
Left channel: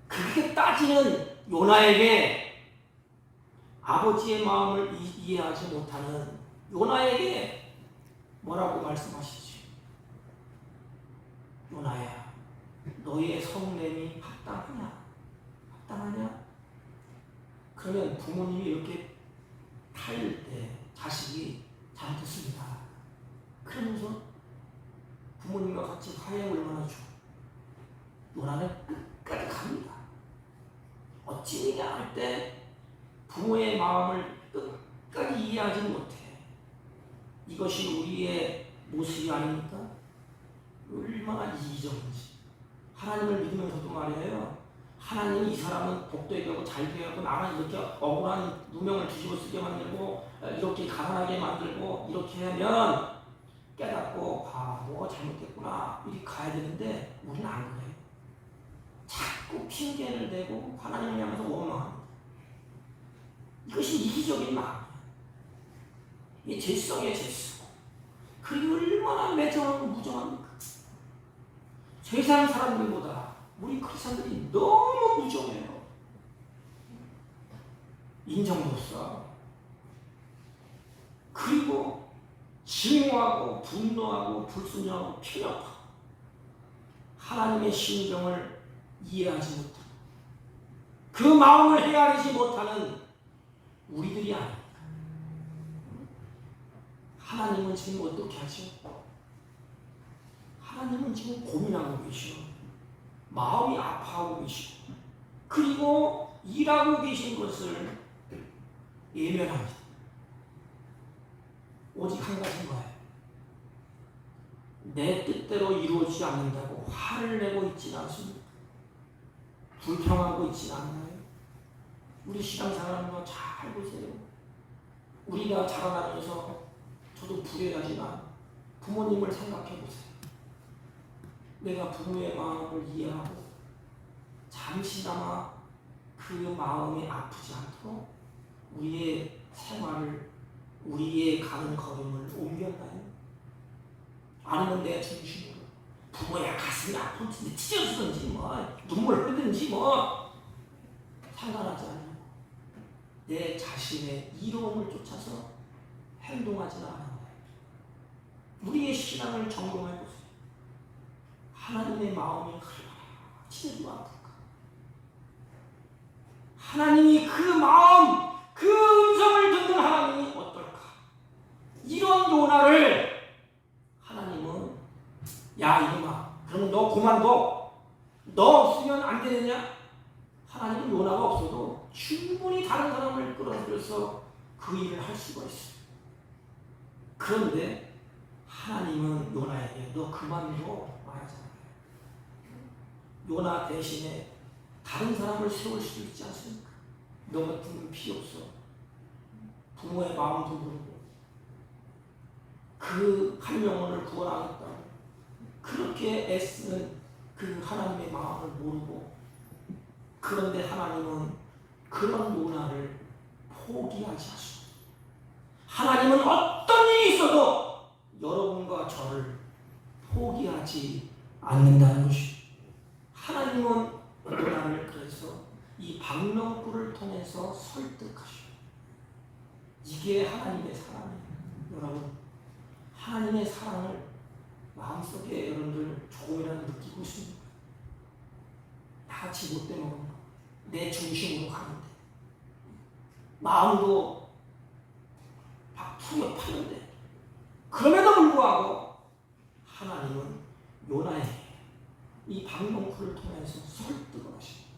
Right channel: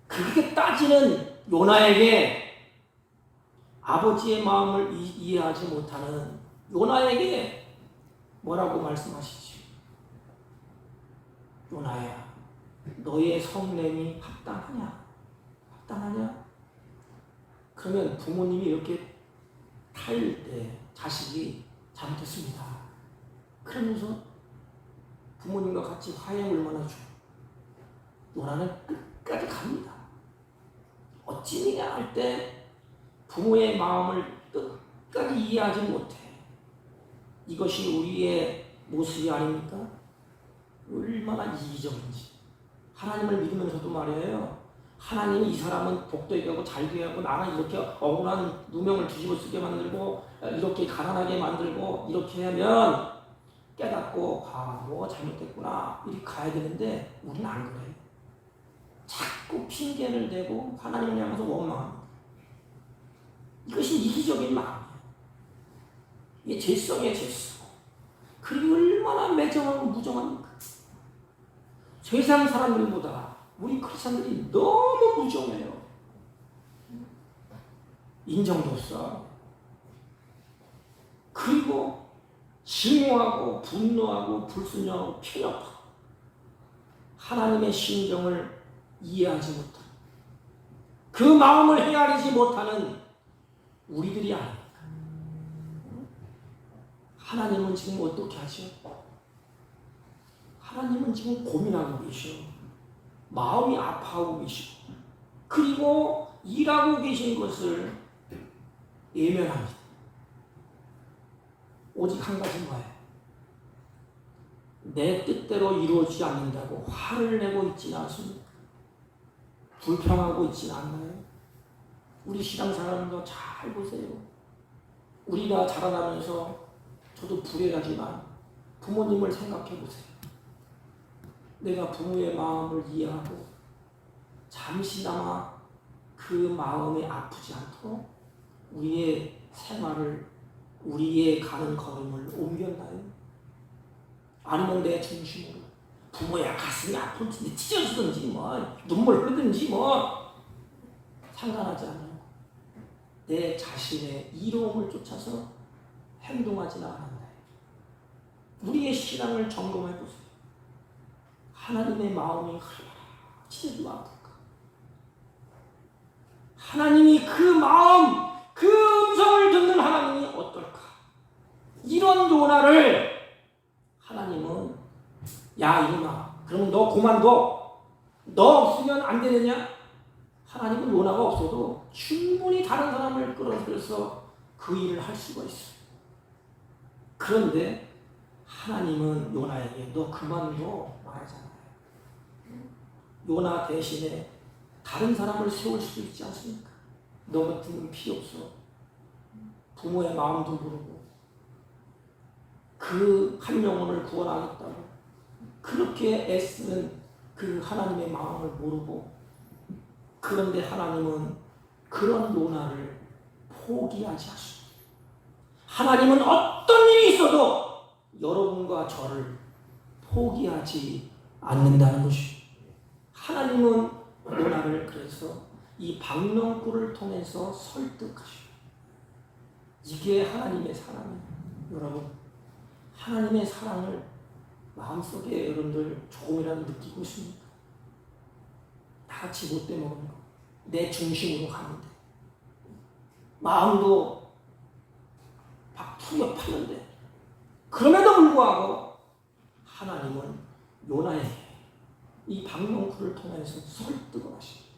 그렇게 따지는 요나에게 아버지의 마음을 이해하지 못하는 요나에게 뭐라고 말씀하시죠? 요나야, 너의 성냄이 합당하냐? 합당하냐? 그러면 부모님이 이렇게 타일 때 자식이 잘못했습니다. 그러면서 부모님과 같이 화해를 원하죠. 요나는 끝까지 갑니다. 어찌냐 할 때 부모의 마음을 끝까지 이해하지 못해. 이것이 우리의 모습이 아닙니까? 얼마나 이기적인지. 하나님을 믿으면서도 말이에요. 하나님이 이 사람은 복도 얘기하고 잘 되하고 나는 이렇게 억울한 누명을 뒤집어 쓰게 만들고 이렇게 가난하게 만들고 이렇게 하면 깨닫고 뭐가 잘못됐구나 이렇게 가야 되는데 우리는 안 그래요. 자꾸 핑계를 대고 하나님을 향해서 원망합니다. 이것이 이기적인 마음이에요. 이게 죄성이에요, 죄성. 그리고 얼마나 매정하고 무정합니까? 세상 사람들보다 우리 크리스천들이 너무 무정해요. 인정도 없어. 그리고 증오하고 분노하고 불순종하고 필요하고 하나님의 심정을 이해하지 못하고 그 마음을 헤아리지 못하는 우리들이 아닙니다. 하나님은 지금 어떻게 하죠? 하나님은 지금 고민하고 계셔. 마음이 아파하고 계시고 그리고 일하고 계신 것을 예면합니다. 오직 한 가지인 거예요. 내 뜻대로 이루어지지 않는다고 화를 내고 있지는 않습니다. 불평하고 있지는 않나요? 우리 신앙생활도 잘 보세요. 우리가 자라나면서 저도 불행하지만 부모님을 생각해 보세요. 내가 부모의 마음을 이해하고 잠시나마 그 마음이 아프지 않도록 우리의 생활을 우리의 가는 걸음을 옮겼나요? 아니면 내 중심으로 부모야 가슴이 아픈지 찢어지든지 뭐 눈물 흐르든지 뭐 상관하지 않아요. 내 자신의 이로움을 쫓아서 행동하지는 않는다. 우리의 신앙을 점검해 보세요. 하나님의 마음이 얼마나 찢어지고 아플까? 하나님이 그 마음, 그 음성을 듣는 하나님이 어떨까? 이런 요나를 하나님은 야 이놈아, 그러면 너 그만둬. 너 없으면 안 되느냐? 하나님은 요나가 없어도 충분히 다른 사람을 끌어들여서 그 일을 할 수가 있어요. 그런데 하나님은 요나에게 너 그만둬 말하잖아요. 요나 대신에 다른 사람을 세울 수 있지 않습니까? 너 같은 분 필요 없어. 부모의 마음도 모르고 그 한 영혼을 구원하겠다. 그렇게 애쓰는 그 하나님의 마음을 모르고 그런데 하나님은 그런 요나를 포기하지 않습니다. 하나님은 어떤 일이 있어도 여러분과 저를 포기하지 않는다는 것이 하나님은 요나를 그래서 이 방명꾼을 통해서 설득하시고 이게 하나님의 사랑이에요. 여러분 하나님의 사랑을 마음속에 여러분들 조금이라도 느끼고 있습니까? 같이 못돼 먹는 거. 내 중심으로 가는데 마음도 막 투협하는데 그럼에도 불구하고 요나에게 이 박농쿨을 통해서 설득을 하십니다.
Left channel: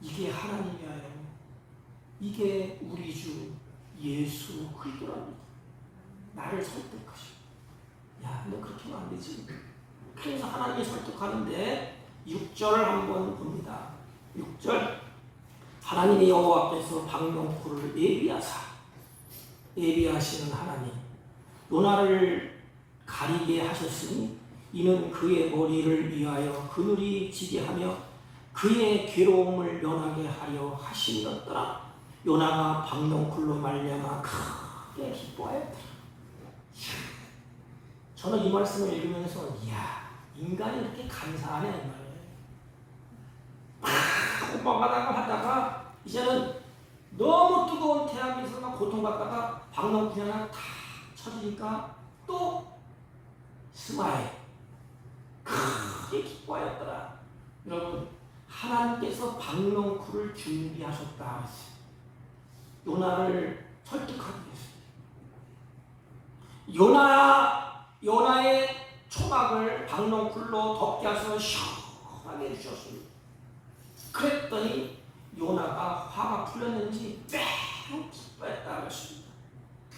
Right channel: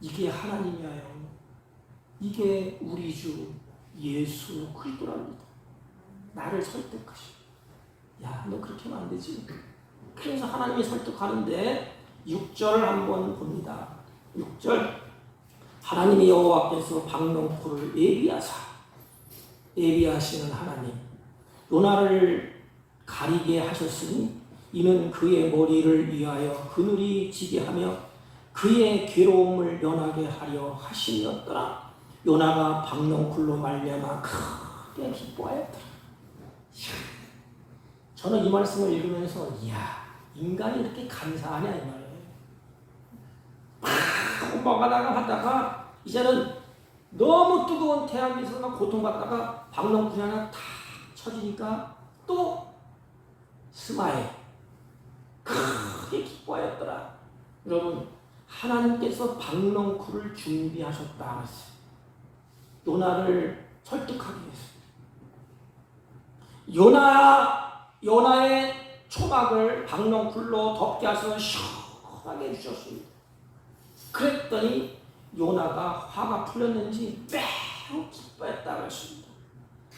이게 하나님이에요. 이게 우리 주 예수 그리스도랍니다. 나를 설득하시고, 야, 너 그렇게 하면 안 되지. 그래서 하나님이 설득하는데 6절을 한번 봅니다. 6절, 하나님이 여호와께서 박농쿨을 예비하시는 하나님, 요나를 가리게 하셨으니 이는 그의 머리를 위하여 그늘이 지게 하며 그의 괴로움을 면하게 하려 하심이었더라. 요나가 박농쿨로 말미암아 크게 기뻐하였더라. 저는 이 말씀을 읽으면서 이야, 인간이 이렇게 감사하냐 이 말이에요. 하다가 이제는 너무 뜨거운 태양에서 막 고통받다가 박농쿨이 하나 탁 쳐지니까 또 스마일 크게 기뻐하였더라. 여러분, 하나님께서 박농쿨을 준비하셨다 했어요. 요나를 설득하기 위해서. 요나의 초막을 박농쿨로 덮게 하셔서 시원하게 해주셨습니다. 그랬더니 요나가 화가 풀렸는지 매우 기뻐했다고 했습니다.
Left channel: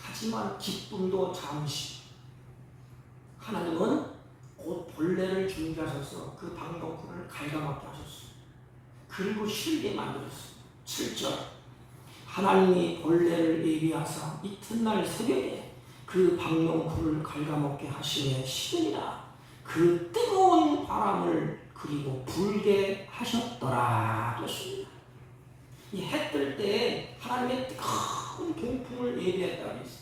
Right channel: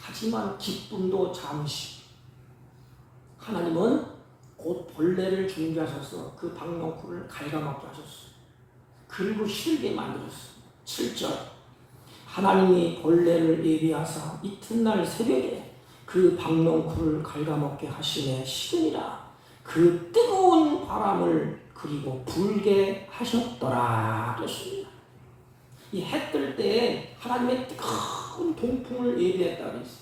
하지만 기쁨도 잠시. 하나님은 곧 벌레를 준비하셔서 그 박농쿨을 갉아먹게 하셨어요. 그리고 싫게 만들었어요. 7절, 하나님이 벌레를 예비하사 이튿날 새벽에 그 박농쿨을 갉아먹게 하시매 시으니라. 그 뜨거운 바람을 그리고 불게 하셨더라 그랬습니다. 이 해 뜰 때 하나님의 뜨거운 동풍을 예비했다 그랬어요.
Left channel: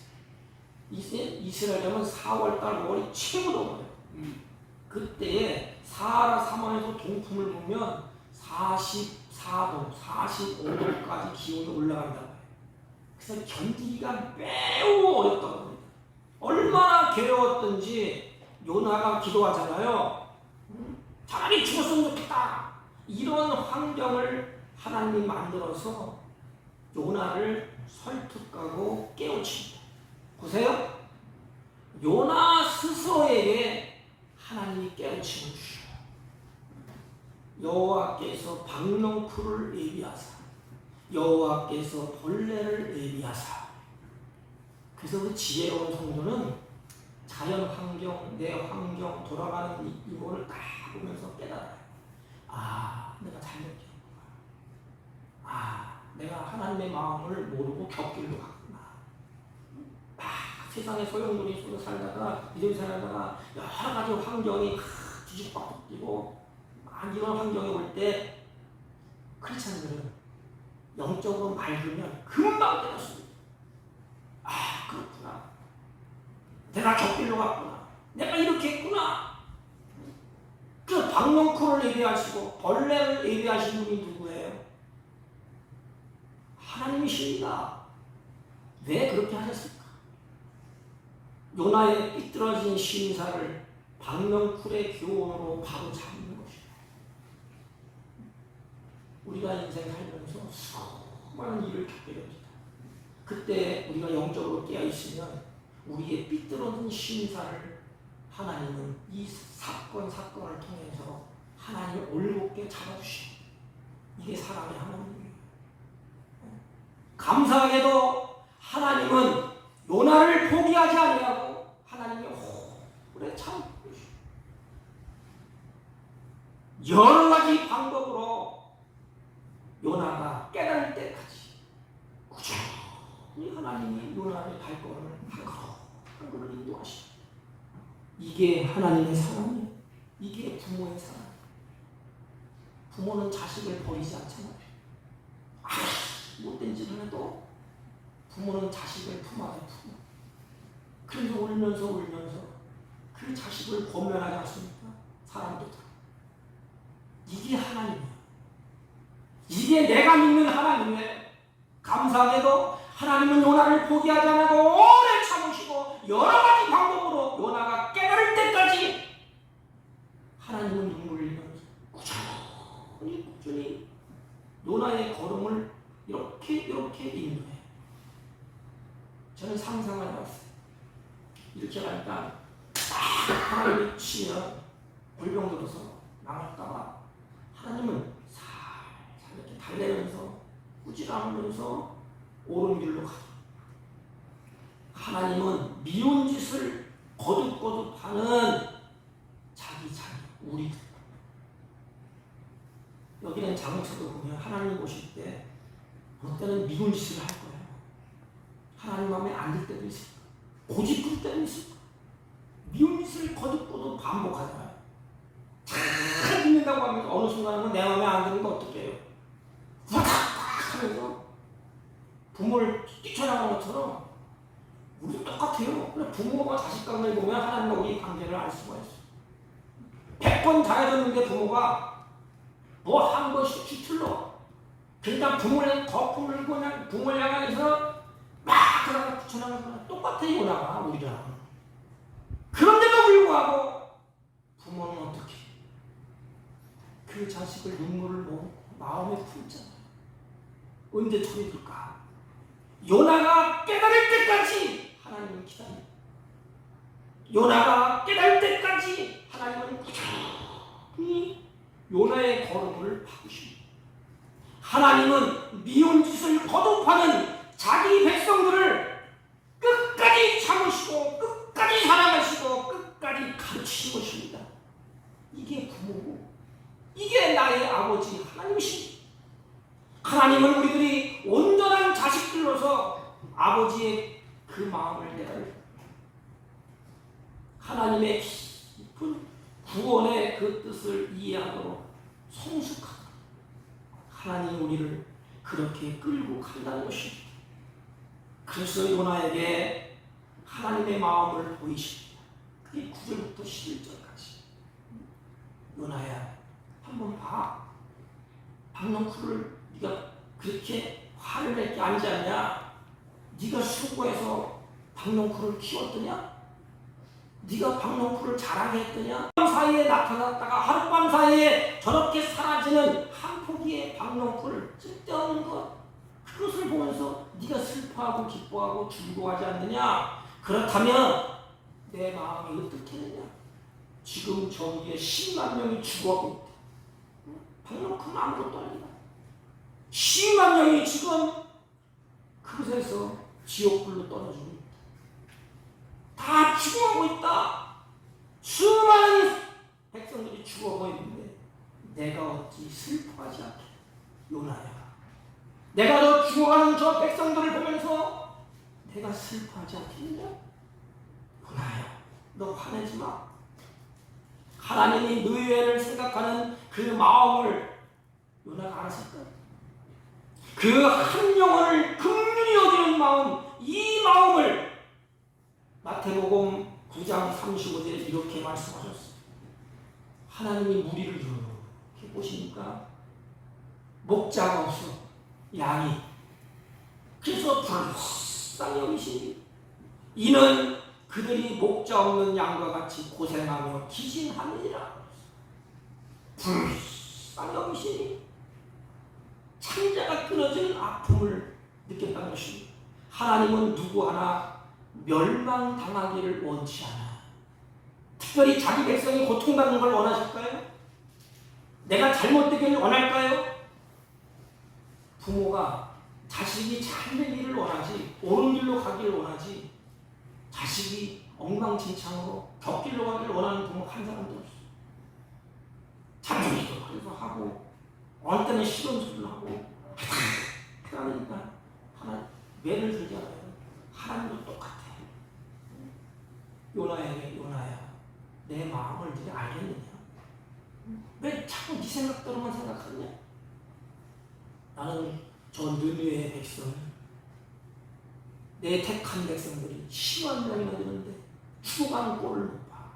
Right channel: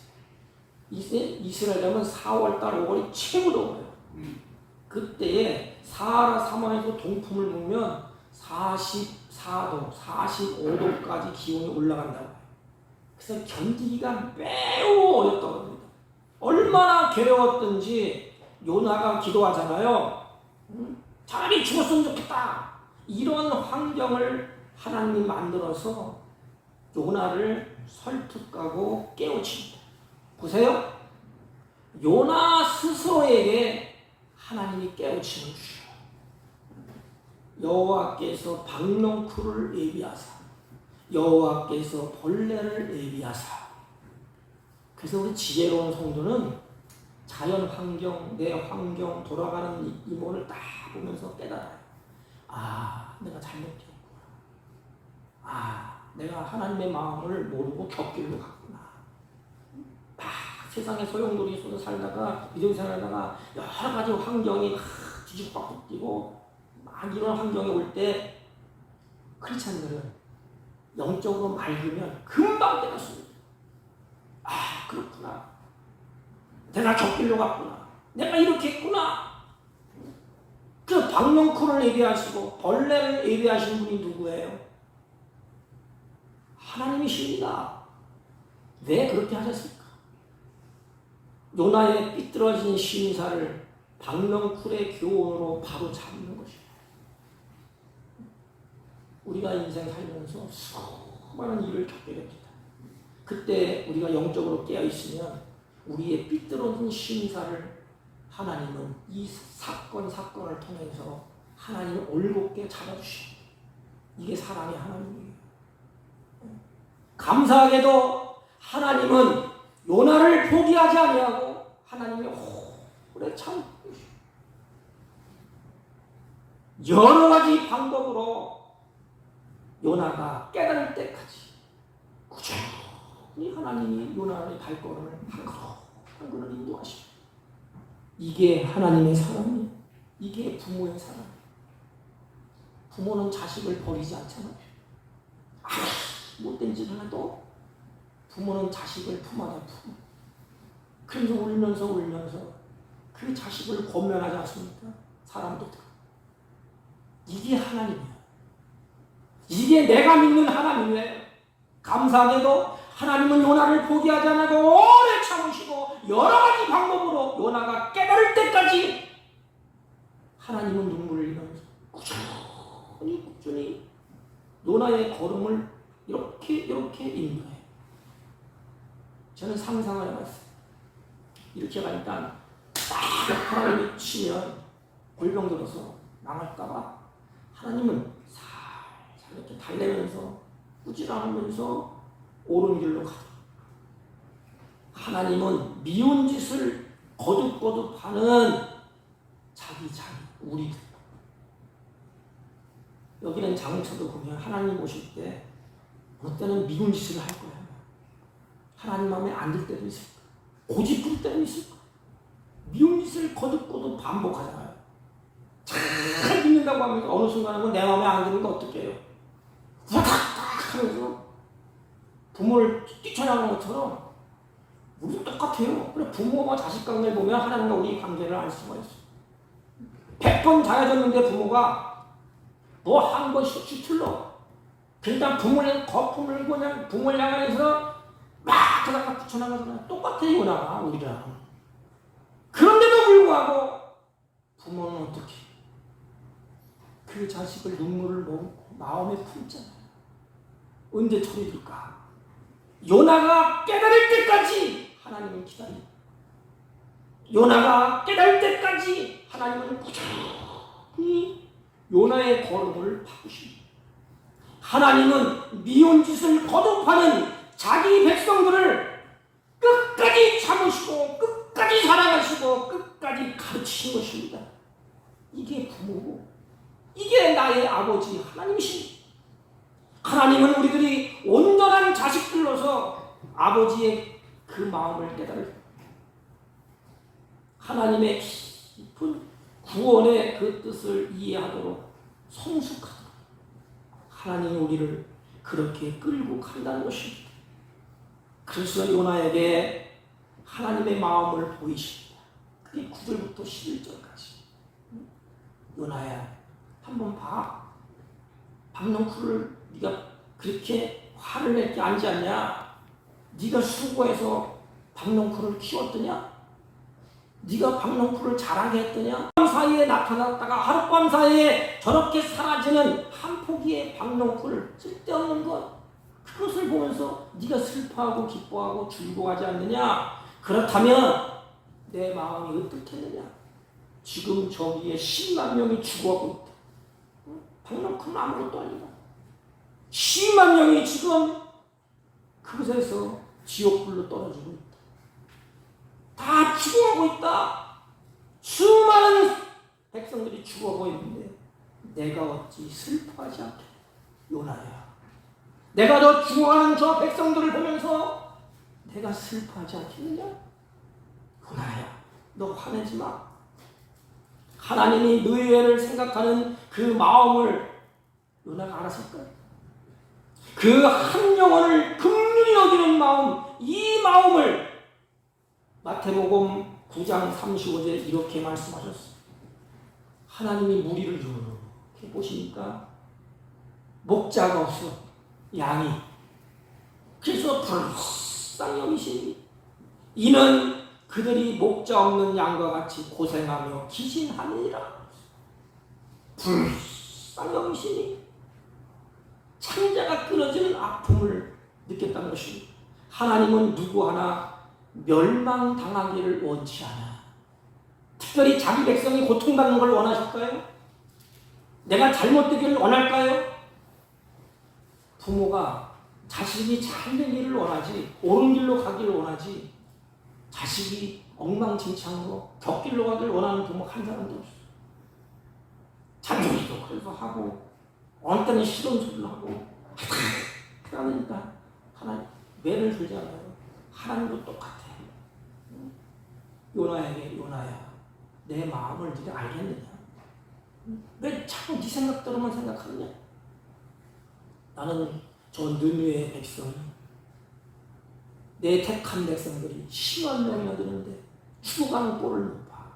이스라엘은 4월달 5월이 최고 더워요. 그때에 사하라 사막에서 동풍을 불면 44도, 45도까지 기온이 올라간다고 해요. 그래서 견디기가 매우 어렵다고 합니다. 얼마나 괴로웠던지 요나가 기도하잖아요. 차라리 죽었으면 좋겠다. 이런 환경을 하나님 만들어서 요나를 설득하고 깨우칩니다. 보세요. 요나 스스로에게 하나님이 깨우침을 주셔요. 여호와께서 박농쿨을 예비하사 여호와께서 벌레를 예비하사. 그래서 우리 지혜로운 성도는 자연 환경, 내 환경, 돌아가는 이 모를 딱 보면서 깨달아요. 아, 내가 잘못했구나. 아, 내가 하나님의 마음을 모르고 곁길로 갔구나. 세상에 소용돌이 속에 살다가 이런 살다가 여러 가지 환경이 뒤집어 바뀌고 막 이런 환경이 올 때 크리스찬들은 영적으로 맑으면 금방 깨닫습니다. 아, 그렇구나. 내가 곁길로 갔구나. 내가 이렇게 했구나. 그 박농쿨을 예비하시고 벌레를 예비하신 분이 누구예요? 하나님이십니다. 왜 그렇게 하셨을까? 요나의 삐뚤어진 심사를 박농쿨의 교훈으로 바로 잡는 것이에요. 우리가 인생 살면서 수많은 일을 겪게 됩니다. 그때 우리가 영적으로 깨어있으면 우리의 삐뚤어진 심사를 하나님은 이 사건을 통해서 하나님이 올곧게 잡아주시고, 이게 사랑의 하나님이에요. 감사하게도 하나님은 요나를 포기하지 아니하고 하나님이 오래 참고 여러 가지 방법으로 요나가 깨달을 때까지 꾸준히 하나님이 요나의 발걸음을 한 걸음을 인도하시고, 이게 하나님의 사랑이에요. 이게 부모의 사랑. 부모는 자식을 버리지 않잖아요. 못된 짓을 해도 부모는 자식을 품어요. 그래서 울면서 그 자식을 권면하지 않습니까? 사람도 다. 이게 하나님이야. 이게 내가 믿는 하나님이에요. 감사하게도 하나님은 요나를 포기하지 않고 오래 참으시고 여러 가지 방법으로 요나가 깨달을 때까지 하나님은 눈물을 흘리면서 꾸준히 요나의 걸음을 이렇게 인도해요. 저는 상상을 해봤어요. 이렇게 가니까 딱 하나님이 치면 골병 들어서 나갔다가 하나님은 살살 이렇게 달래면서 꾸지람으면서 옳은 길로 가. 하나님은 미운 짓을 거듭거듭하는 자기 자녀, 우리들. 여기는 장처도 보면 하나님 오실 때 어느 때는 미운 짓을 할 거야. 하나님 마음에 안 들 때도 있을 거야. 고집 부릴 때도 있을 거야. 미운 짓을 거듭거듭 반복하잖아요. 잘 믿는다고 하면서 어느 순간은 내 마음에 안 드는 거 어떻게 해요? 하면서 부모를 뛰쳐나가는 것처럼 우리도 똑같아요. 그래, 부모가 자식 관계를 보면 하나님과 우리 관계를 알 수가 있어. 100번 잘해줬는데 부모가 뭐 한 번씩 틀러. 그러니까 부모의 거품을 그냥 부모를 향해서 막 그러다가 붙여나가잖아. 똑같아요, 나 우리랑. 그런데도 불구하고 부모는 어떻게? 그 자식을 눈물을 넣고 마음에 품잖아요. 언제 처리될까? 요나가 깨달을 때까지 하나님은 기다립니다. 요나가 깨달을 때까지 하나님은 꾸준히 요나의 걸음을 바꾸십니다. 하나님은 미운 짓을 거듭하는 자기 백성들을 끝까지 참으시고 끝까지 사랑하시고 끝까지 가르치신 것입니다. 이게 부모고 이게 나의 아버지 하나님이십니다. 하나님은 우리들이 온전한 자식들로서 아버지의 그 마음을 깨달을 하나님의 깊은 구원의 그 뜻을 이해하도록 성숙하다. 하나님이 우리를 그렇게 끌고 간다는 것입니다. 그래서 요나에게 하나님의 마음을 보이십니다. 그게 9절부터 11절까지. 요나야, 한번 봐. 박넝쿨을 네가 그렇게 화를 맺게 앉지 않냐? 네가 수고해서 박넝쿨을 키웠더냐? 네가 박넝쿨을 자라게 했더냐? 하룻밤 사이에 나타났다가 하룻밤 사이에 저렇게 사라지는 한 포기의 박넝쿨, 쓸데없는 것, 그것을 보면서 네가 슬퍼하고 기뻐하고 즐거워하지 않느냐? 그렇다면 내 마음이 어떻겠느냐? 지금 저기에 10만 명이 죽어가고 있다. 박넝쿨은 아무것도 아니다. 10만 명이 지금 그곳에서 지옥불로 떨어지고 있다. 다 죽어가고 있다. 수많은 백성들이 죽어가고 있는데 내가 어찌 슬퍼하지 않게? 요나야, 내가 저 죽어가는 저 백성들을 보면서 내가 슬퍼하지 않겠느냐? 요나야, 너 화내지 마. 하나님이 너의 애를 생각하는 그 마음을 요나가 알았을 거야. 그 한 영혼을 긍휼히 여기는 마음, 이 마음을 마태복음 9장 35절에 이렇게 말씀하셨어요. 하나님이 무리를 이렇게 보시니까 목자가 없어, 양이. 그래서 불쌍히 여기시니 이는 그들이 목자 없는 양과 같이 고생하며 기진하느니라. 불쌍히 여기시니 창자가 끊어지는 아픔을 느꼈다는 것입니다. 하나님은 누구 하나 멸망당하기를 원치 않아요. 특별히 자기 백성이 고통받는 걸 원하실까요? 내가 잘못되기를 원할까요? 부모가 자식이 잘된 일을 원하지, 옳은 길로 가기를 원하지, 자식이 엉망진창으로 격길로 가기를 원하는 부모가 한 사람도 없어요. 잔소리도 그래서 하고 어느 때는 싫은 소리를 하고 그러니까 하나님 매를 들잖아요. 하나님도 똑같아. 요나에게 요나야, 내 마음을 네가 알겠느냐? 왜 자꾸 네 생각대로만 생각하느냐? 나는 저 느느의 백성을, 내 택한 백성들이 10만 명이나 되는데 죽어가는 꼴을 못 봐.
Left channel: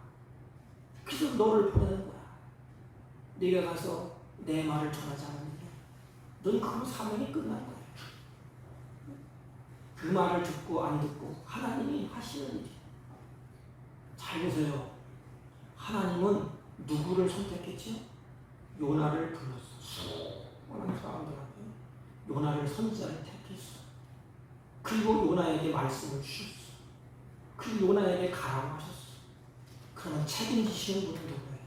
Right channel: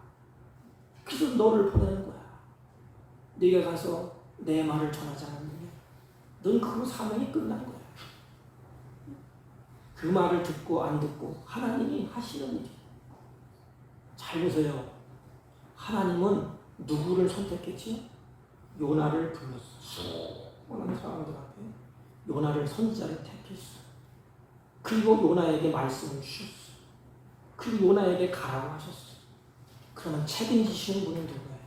그래서 너를 보내는 거야. 네가 가서 내 말을 전하지 않느냐? 넌 그 사명이 끝난 거야. 그 말을 듣고 안 듣고 하나님이 하시는 일이. 잘 보세요. 하나님은 누구를 선택했지? 요나를 불렀어. 오늘 사람들 앞에 요나를 선지자를 택했어. 그리고 요나에게 말씀을 주셨어. 그리고 요나에게 가라고 하셨어. 그러면 책임지시는 분은 누구예요?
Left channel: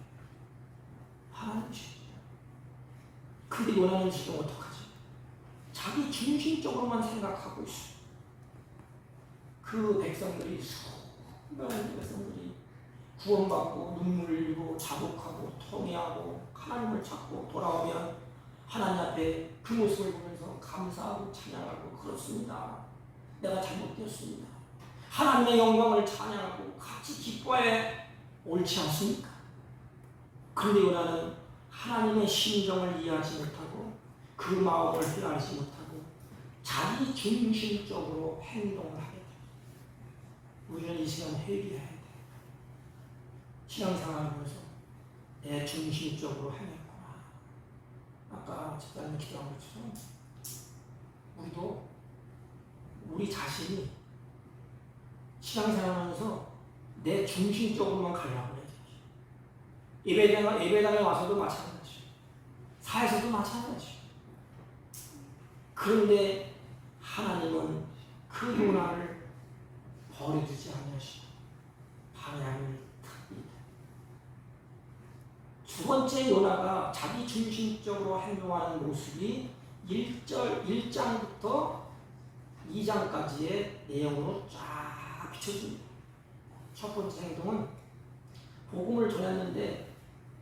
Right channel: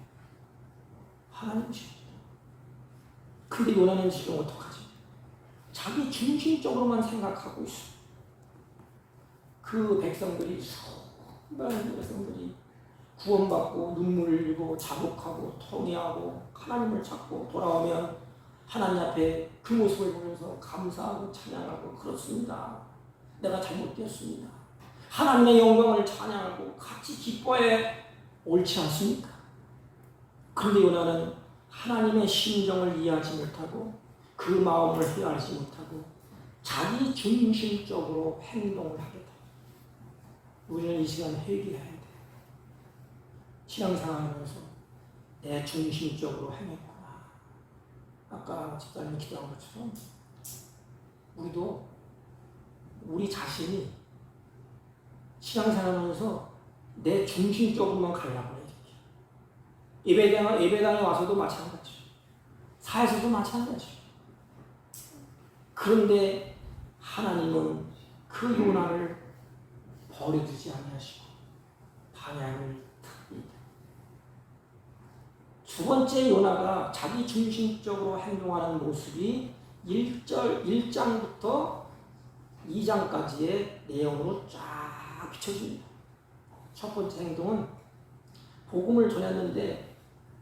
하나님이십니다. 근데 요나는 지금 어떡하지? 자기 중심적으로만 생각하고 있어. 그 백성들이 수많은 백성들이 구원받고 눈물 흘리고 자복하고 통회하고 하나님을 찾고 돌아오면 하나님 앞에 그 모습을 보면서 감사하고 찬양하고 그렇습니다. 내가 잘못되었습니다. 하나님의 영광을 찬양하고 같이 기뻐해 옳지 않습니까? 그런데 요나는 하나님의 심정을 이해하지 못하고 그 마음을 헤아리지 못하고 자기 중심적으로 행동을 하게 됩니다. 우리는 이 시간 회개해야 돼. 신앙생활하면서 내 중심적으로 행했구나. 아까 집사님이 기도한 것처럼 우리도 우리 자신이 신앙생활하면서 내 중심적으로만 가려고 해야 돼. 예배당에 와서도 마찬가지죠. 사에서도 마찬가지죠. 그런데 하나님은 그 요나를 버려두지 아니하시고 방향을 탑니다. 두 번째 요나가 자기 중심적으로 행동하는 모습이 1장부터 2장까지의 내용으로 쫙 비춰집니다. 첫 번째 행동은 복음을 전했는데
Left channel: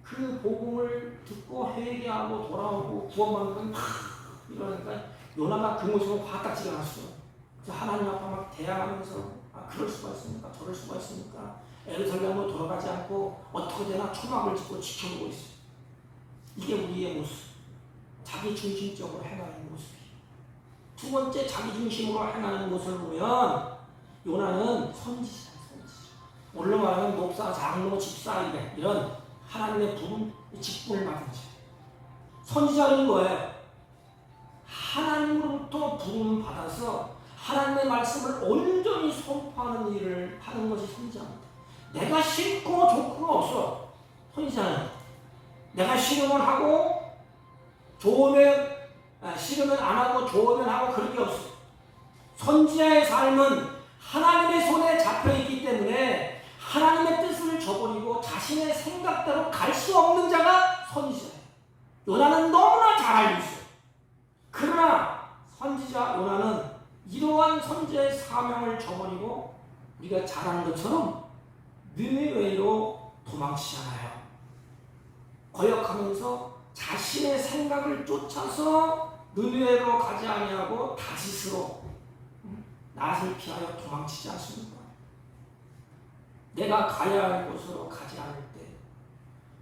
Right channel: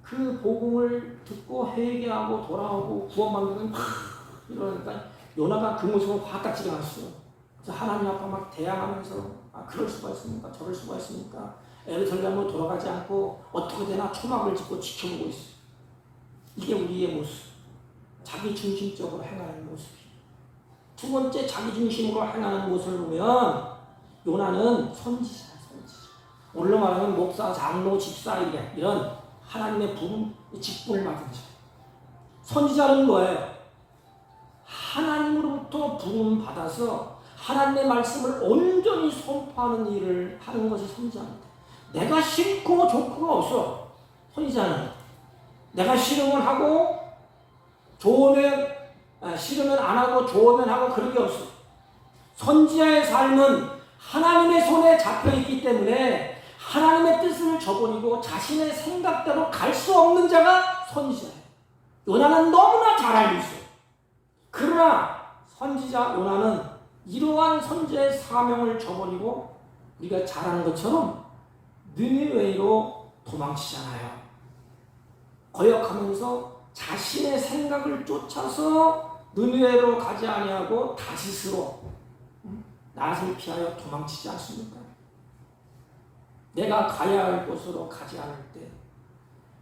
그 복음을 듣고 회개하고 돌아오고 구원받는 이러니까 요나가 그 모습을 화딱지가 났어요. 하나님 앞에 막 대항하면서 그럴 수가 있습니까? 저럴 수가 있습니까? 에르살렘으로 돌아가지 않고 어떻게 되나 초막을 짓고 지켜보고 있어요. 이게 우리의 모습. 자기 중심적으로 행하는 모습이에요. 두 번째 자기 중심으로 행하는 모습을 보면 요나는 선지자예요. 선지자. 오늘로 말하면 목사, 장로, 집사 이런 하나님의 부름, 직분을 맡은 자. 선지자는 뭐예요? 하나님으로부터 부름 받아서 하나님의 말씀을 온전히 선포하는 일을 하는 것이 선지자입니다. 내가 싫고 좋고가 없어. 선지자는 내가 싫으면 하고 좋으면 싫으면 안 하고 좋으면 하고 그런 게 없어. 선지자의 삶은 하나님의 손에 잡혀 있기 때문에 하나님의 뜻을 저버리고 자신의 생각대로 갈 수 없는 자가 선지자예요. 요나는 너무나 잘 알고 있어요. 그러나 선지자 요나는 이러한 선지자의 사명을 저버리고 우리가 잘 아는 것처럼 느니웨로 도망치잖아요. 거역하면서 자신의 생각을 쫓아서 느니웨로 가지 아니하고 다시스로 낯을 피하여 도망치지 않습니까? 내가 가야 할 곳으로 가지 않을 때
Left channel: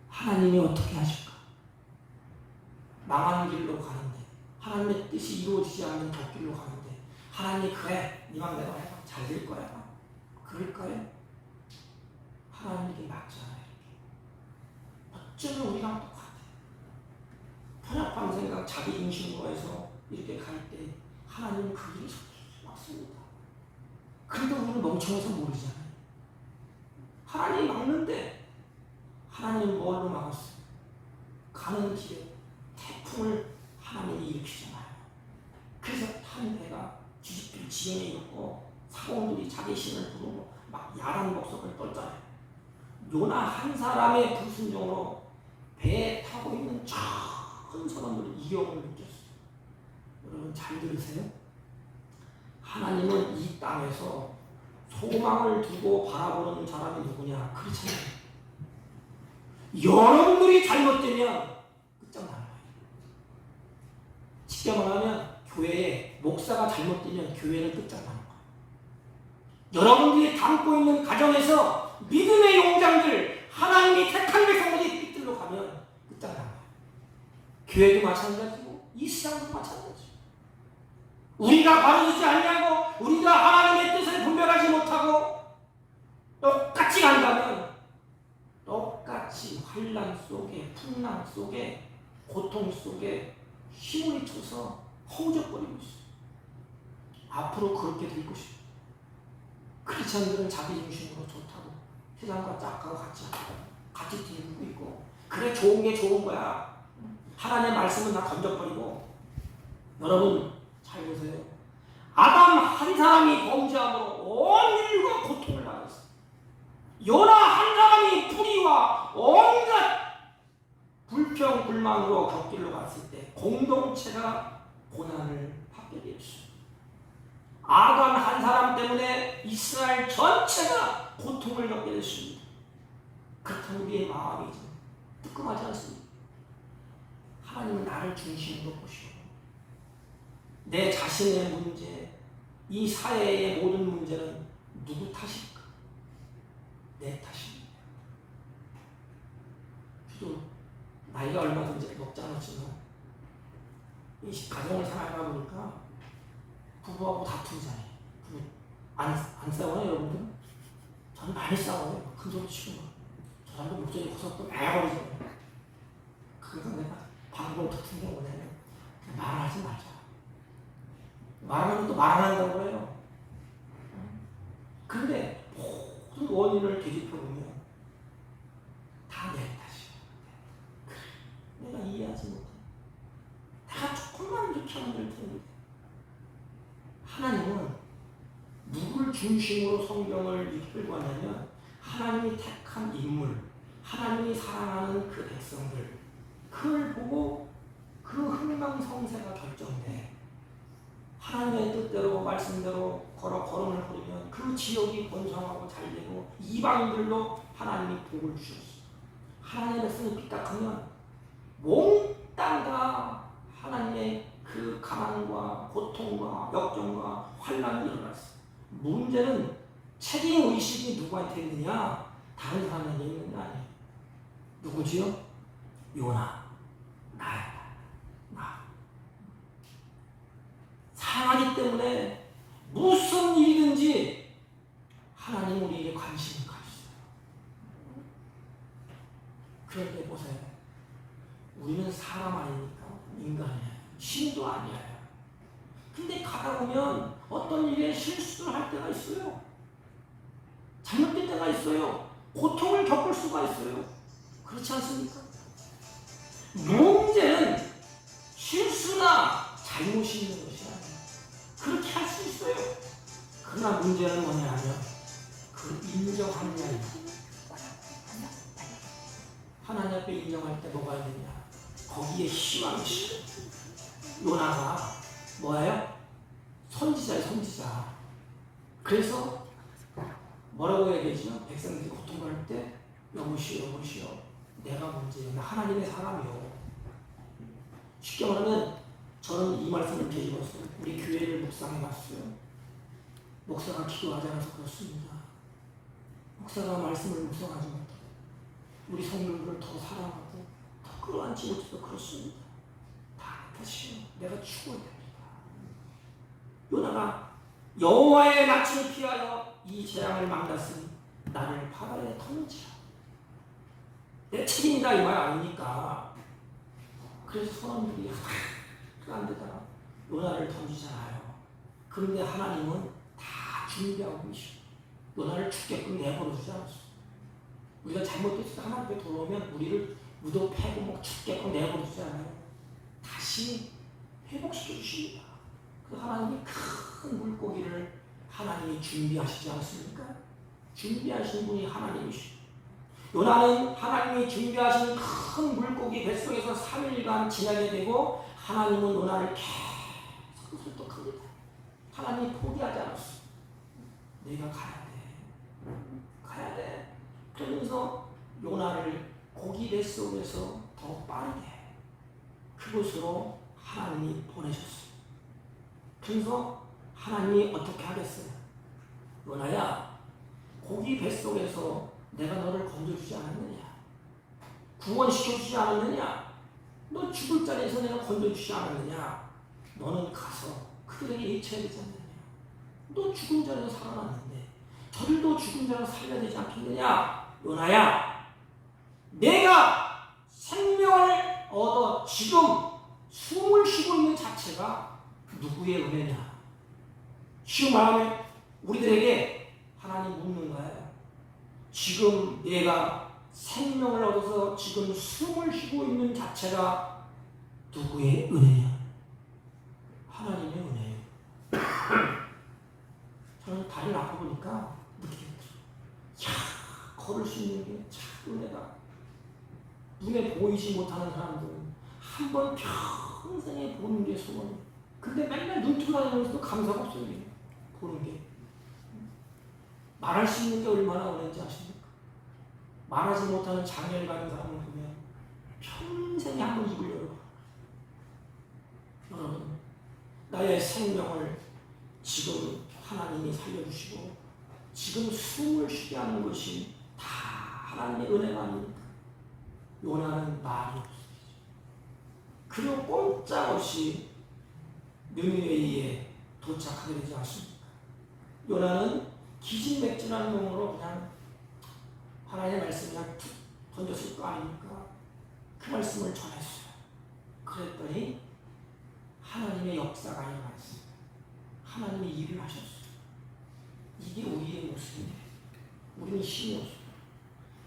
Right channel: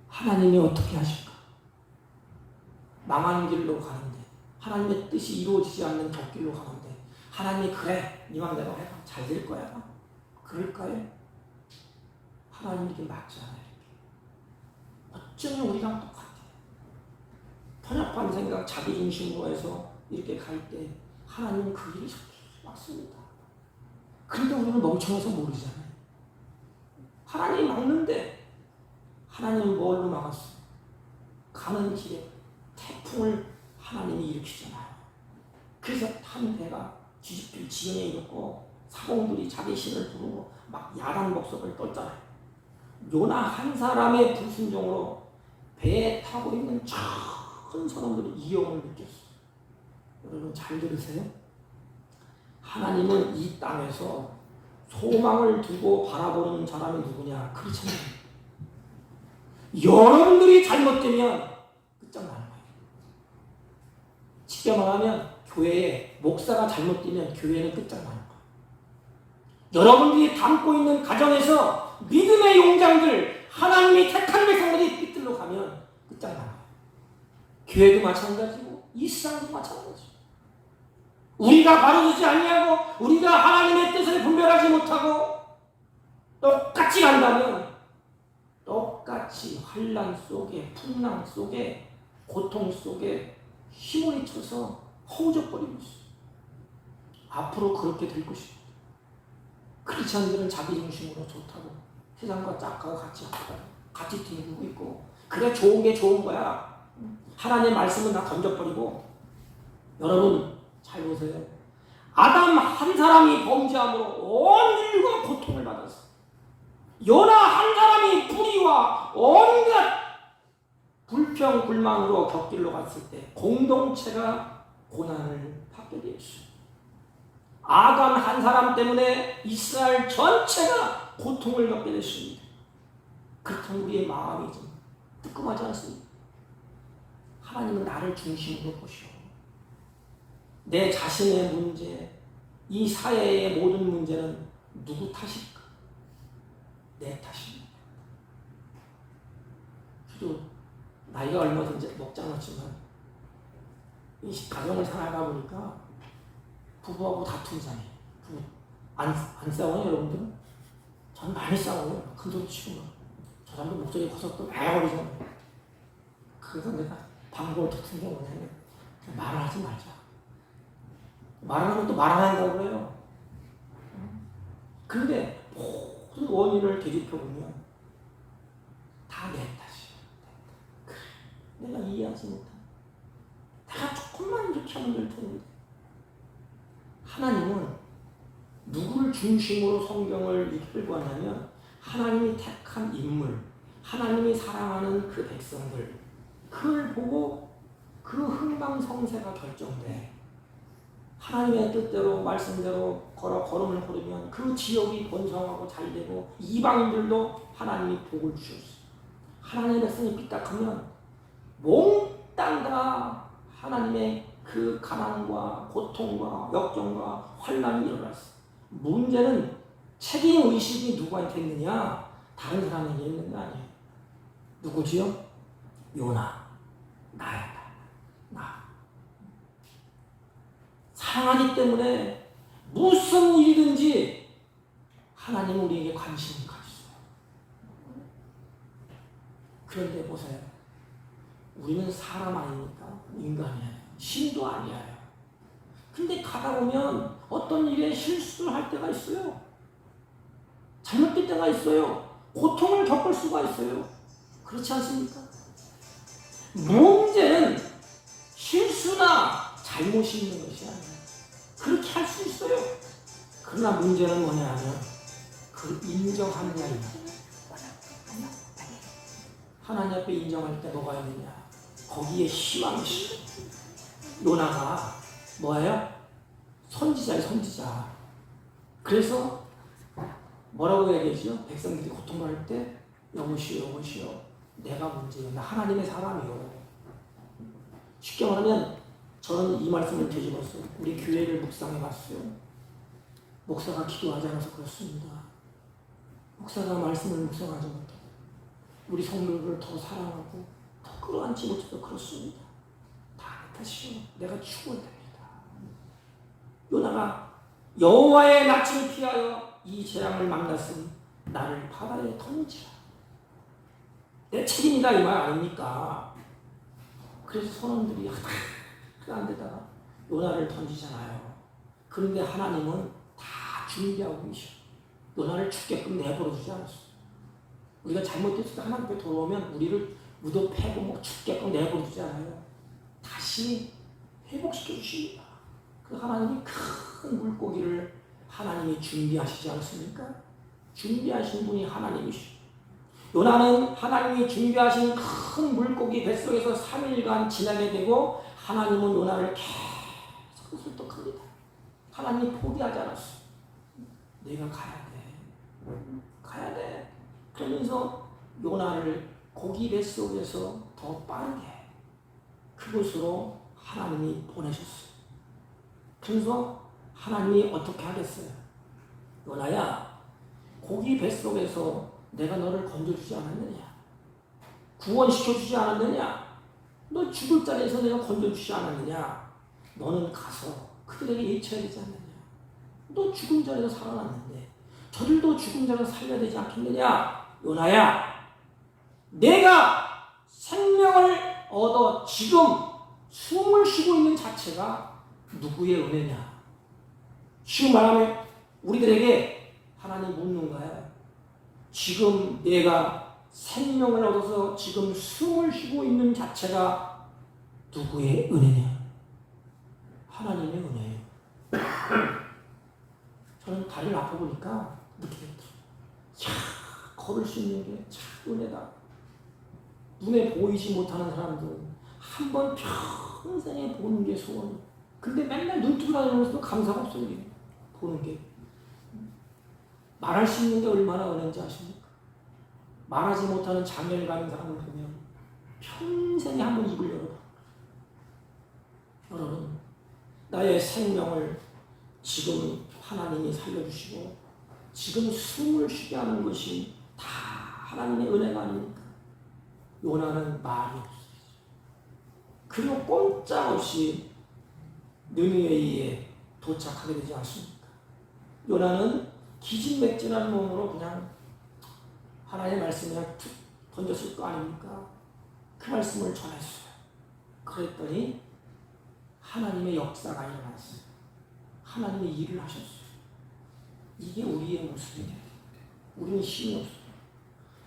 하나님이 어떻게 하실까? 망하는 길로 가는데 하나님의 뜻이 이루어지지 않는 곁길로 가는데 하나님이 그래 이왕 내가 해봐 잘 될 거야 그럴까요? 하나님에게 맞지 않아요. 어쩌면 우리랑 똑같아요. 편협한 생각 자기 중심으로 해서 이렇게 갈 때 하나님은 그 길이 맞습니다. 그런데 우리는 멍청해서 모르잖아요. 하나님이 막는데 하나님은 뭘로 막았어요? 가는 길에 태풍을 하나님이 일으키잖아요. 그래서 탄 배가 뒤집힐 지경에 이르고 사공들이 자기 신을 부르고 막 야단 목소리를 떨잖아요. 요나 한 사람의 불순종으로 배에 타고 있는 전 사람들이 이경을 느꼈어요. 여러분 잘 들으세요. 하나님은 이 땅에서 소망을 두고 바라보는 사람이 누구냐? 그렇잖아요. 여러분들이 잘못되면 끝장나는 거예요. 쉽게 말하면 교회에 목사가 잘못되면 교회는 끝장나는 거예요. 여러분들이 담고 있는 가정에서 믿음의 용장들 하나님이 택한 백성들이 삐뚤러 가면 끝장나는 거예요. 교회도 마찬가지고 이 세상도 마찬가지고 우리가 바르지 아니하고 우리가 하나님의 뜻을 분별하지 못하고 똑같이 간다면 똑같이 환난 속에 풍랑 속에 고통 속에 힘을 쳐서 허우적거리고 있어요. 앞으로 그렇게 될 것입니다. 크리스천들은 자기 중심으로 좋다고 세상과 짝하고 같이 뒤에보고 있고 그래 좋은 게 좋은 거야. 하나님의 말씀은 다 던져버리고 여러분 잘 보세요. 아담 한 사람이 범죄함으로 온 인류가 고통을 받았어요. 요나 한 사람이 불의와 온갖 불망으로 곁길로 갔을 때 공동체가 고난을 받게 되었어요. 아간 한 사람 때문에 이스라엘 전체가 고통을 겪게 됐습니다. 그렇다면 우리의 마음이 좀 뜨끔하지 않습니까? 하나님은 나를 중심으로 보시오. 내 자신의 문제, 이 사회의 모든 문제는 누구 탓일까? 내 탓입니다. 저도 나이가 얼마든지 먹지 않았지만 이 가정을 살아가 보니까 부부하고 다투잖아요. 안 싸워요, 여러분들? 저는 많이 싸워요. 큰 소리 치고 막. 저 사람도 목소리 커서 또 많이 버리잖아요. 그래서 내가 방법을 같은 경우는 말을 하지 말자. 말하는 것도 말 안 한다고 해요. 근데 모든 원인을 되짚어보면 다 내 탓이야. 그래, 내가 이해하지 못해. 내가 조금만 이렇게 하면 될 텐데. 하나님은 누구를 중심으로 성경을 이끌고 왔냐면 하나님이 택한 인물, 하나님이 사랑하는 그 백성들, 그걸 보고 그 흥망성쇠가 결정돼. 하나님의 뜻대로 말씀대로 걸음을 걸으면 그 지역이 번성하고 잘되고 이방인들도 하나님이 복을 주셨어. 하나님의 백성이 삐딱하면 몽땅 다 하나님의 그 가난과 고통과 역경과 환난이 일어났어. 문제는 책임 의식이 누구한테 있느냐? 다른 사람에게 있는 거 아니에요. 누구지요? 요나. 나야. 나. 사랑하기 때문에 무슨 일이든지 하나님 우리에게 관심이 가졌어요. 그런데 보세요. 우리는 사람 아닙니까? 인간이에요. 신도 아니에요. 근데 가다 보면 어떤 일에 실수를 할 때가 있어요. 잘못된 때가 있어요. 고통을 겪을 수가 있어요. 그렇지 않습니까? 문제는 실수나 잘못이 있는 것이 아니에요. 그렇게 할 수 있어요. 그러나 문제는 뭐냐면 그 인정하느냐입니다. 하나님 앞에 인정할 때 뭐가 있느냐? 거기에 희망이 있어요. 요나가 뭐예요? 선지자예요, 선지자. 그래서 뭐라고 해야 되죠? 백성들이 고통받을 때 여보시오, 여보시오. 내가 문제예요. 나 하나님의 사람이요. 쉽게 말하면 저는 이 말씀을 되짚어서 우리 교회를 묵상해봤어요. 목사가 기도하지 않아서 그렇습니다. 목사가 말씀을 묵상하지 못하고 우리 성도를 더 사랑하고 더 끌어안지 못해서 그렇습니다. 다 탓이요. 내가 죽어야 됩니다. 요나가 여호와의 낯을 피하여 이 재앙을 만났으니 나를 바다에 던지라. 내 책임이다 이 말 아닙니까? 그래서 선원들이 안 되다가 요나를 던지잖아요. 그런데 하나님은 다 준비하고 계셔. 요나를 죽게끔 내버려 두지 않았어. 우리가 잘못했을 때 하나님 앞에 돌아오면 우리를 무덤 패고 뭐 죽게끔 내버려 두지 않아요. 다시 회복시켜 주십니다. 그 하나님이 큰 물고기를 하나님이 준비하시지 않습니까? 준비하신 분이 하나님이시죠. 요나는 하나님이 준비하신 큰 물고기 뱃속에서 3일간 지나게 되고 하나님은 요나를 계속 설득합니다. 하나님이 포기하지 않았어. 네가 가야 돼. 가야 돼. 그러면서 요나를 고기 뱃속에서 더 빠르게 그곳으로 하나님이 보내셨어요. 그래서 하나님이 어떻게 하겠어요? 요나야, 고기 뱃속에서 내가 너를 건져주지 않았느냐? 구원시켜주지 않았느냐? 너 죽을 자리에서 내가 건져주지 않았느냐? 너는 가서 그들에게 외쳐야 되지 않느냐? 너 죽은 자리에서 살아났는데 저들도 죽은 자리에서 살려야 되지 않겠느냐? 요나야, 내가 생명을 얻어 지금 숨을 쉬고 있는 자체가 누구의 은혜냐? 쉬운 말하면 우리들에게 하나님 묻는 거예요. 지금 내가 생명을 얻어서 지금 숨을 쉬고 있는 자체가 누구의 은혜냐? 하나님의 은혜예요. 저는 다리를 아파보니까 느끼겠죠. 걸을 수 있는 게 참 은혜다. 눈에 보이지 못하는 사람들은 한 번 평생에 보는 게 소원이에요. 근데 맨날 눈 뜨고 다니면서도 감사가 없어요. 보는 게. 말할 수 있는 게 얼마나 어려운지 아십니까? 말하지 못하는 장애를 가진 사람을 보면 평생에 한 번 입을 열어요. 여러분, 나의 생명을 지금 하나님이 살려주시고 지금 숨을 쉬게 하는 것이 다 하나님의 은혜가 아닙니까? 요나는 말이 없어요. 그리고 꼼짝없이 느느웨에 도착하게 되지 않습니까? 요나는 기진맥진한 몸으로 그냥 하나님의 말씀을 툭 던졌을 거 아닙니까? 그 말씀을 전했어요. 그랬더니 하나님의 역사가 일어났어요. 하나님이 일을 하셨어요. 이게 우리의 모습이에요. 우리는 힘이 없어요.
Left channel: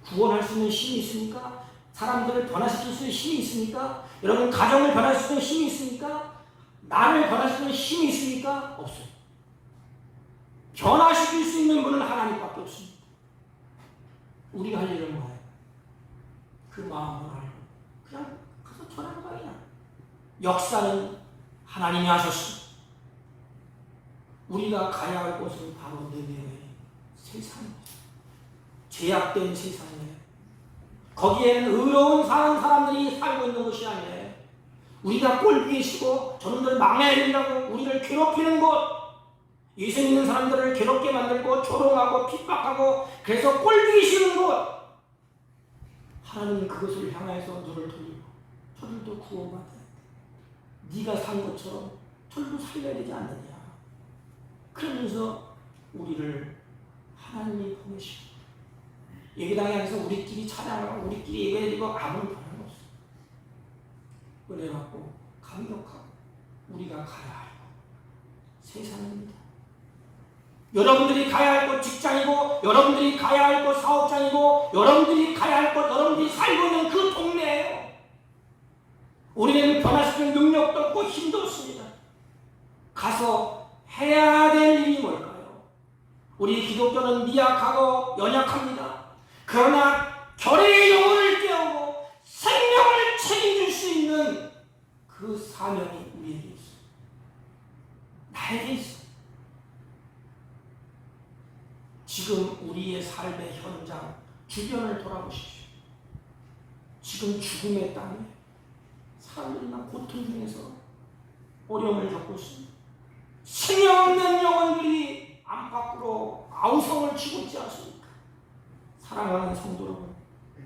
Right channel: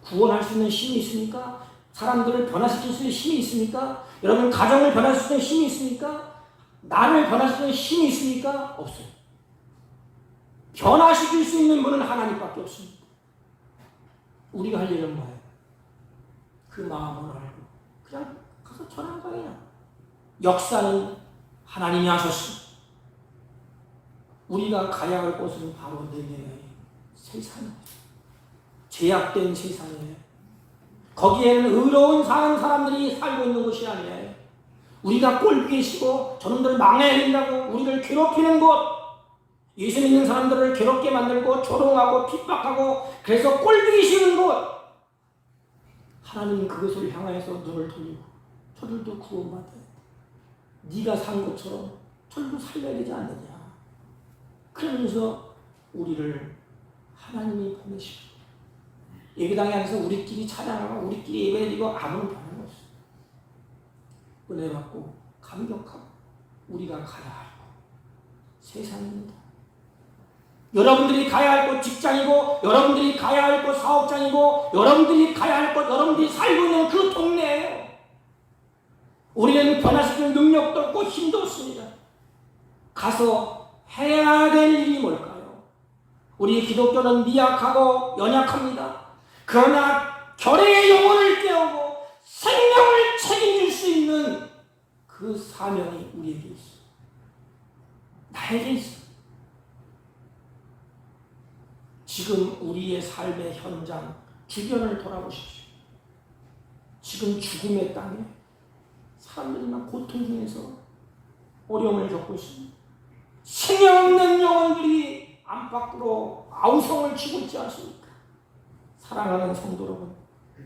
구원할 수 있는 힘이 있습니까? 사람들을 변화시킬 수 있는 힘이 있습니까? 여러분 가정을 변화시킬 수 있는 힘이 있습니까? 나를 변화시킬 수 있는 힘이 있습니까? 없어요. 변화시킬 수 있는 분은 하나님밖에 없습니다. 우리가 할 일은 뭐예요? 그 마음을 알고 그냥 가서 전하는 거예요. 역사는 하나님이 하셨습니다. 우리가 가야 할 곳은 바로 느느웨 세상입니다. 죄악된 세상이에요. 거기에는 의로운 사는 사람들이 살고 있는 것이 아니에요. 우리가 꼴보기시고 저놈들을 막내야 된다고 우리를 괴롭히는 곳, 예수 믿는 사람들을 괴롭게 만들고 조롱하고 핍박하고 그래서 꼴보기 싫은 곳, 하나님은 그것을 향해서 눈을 돌리고 저들도 구원받아요. 네가 산 것처럼 저들도 살려야 되지 않느냐. 그러면서 우리를 하나님이 보내시고 예배당에 앉아서 우리끼리 찬양하고 우리끼리 예배드리고 아무런 변화가 없어요. 은혜 받고 감격하고 우리가 가야 할 곳 세상입니다. 여러분들이 가야 할 곳 직장이고 여러분들이 가야 할 곳 사업장이고 여러분들이 가야 할 곳 여러분들이 살고 있는 그 동네예요. 우리는 변화시키는 능력도 없고 힘도 없습니다. 가서 해야 될 일이 뭘까요? 우리 기독교는 미약하고 연약합니다. 그러나 결의의 영혼을 깨우고 생명을 책임질 수 있는 그 사명이 우리에게 있어요. 나에게 있어요. 지금 우리의 삶의 현장 주변을 돌아보십시오. 지금 죽음의 땅에 사람들이 막 고통 중에서 어려움을 겪고 있습니다. 생명 없는 영혼들이 안팎으로 아우성을 치고 있지 않습니까? 사랑하는 성도 여러분,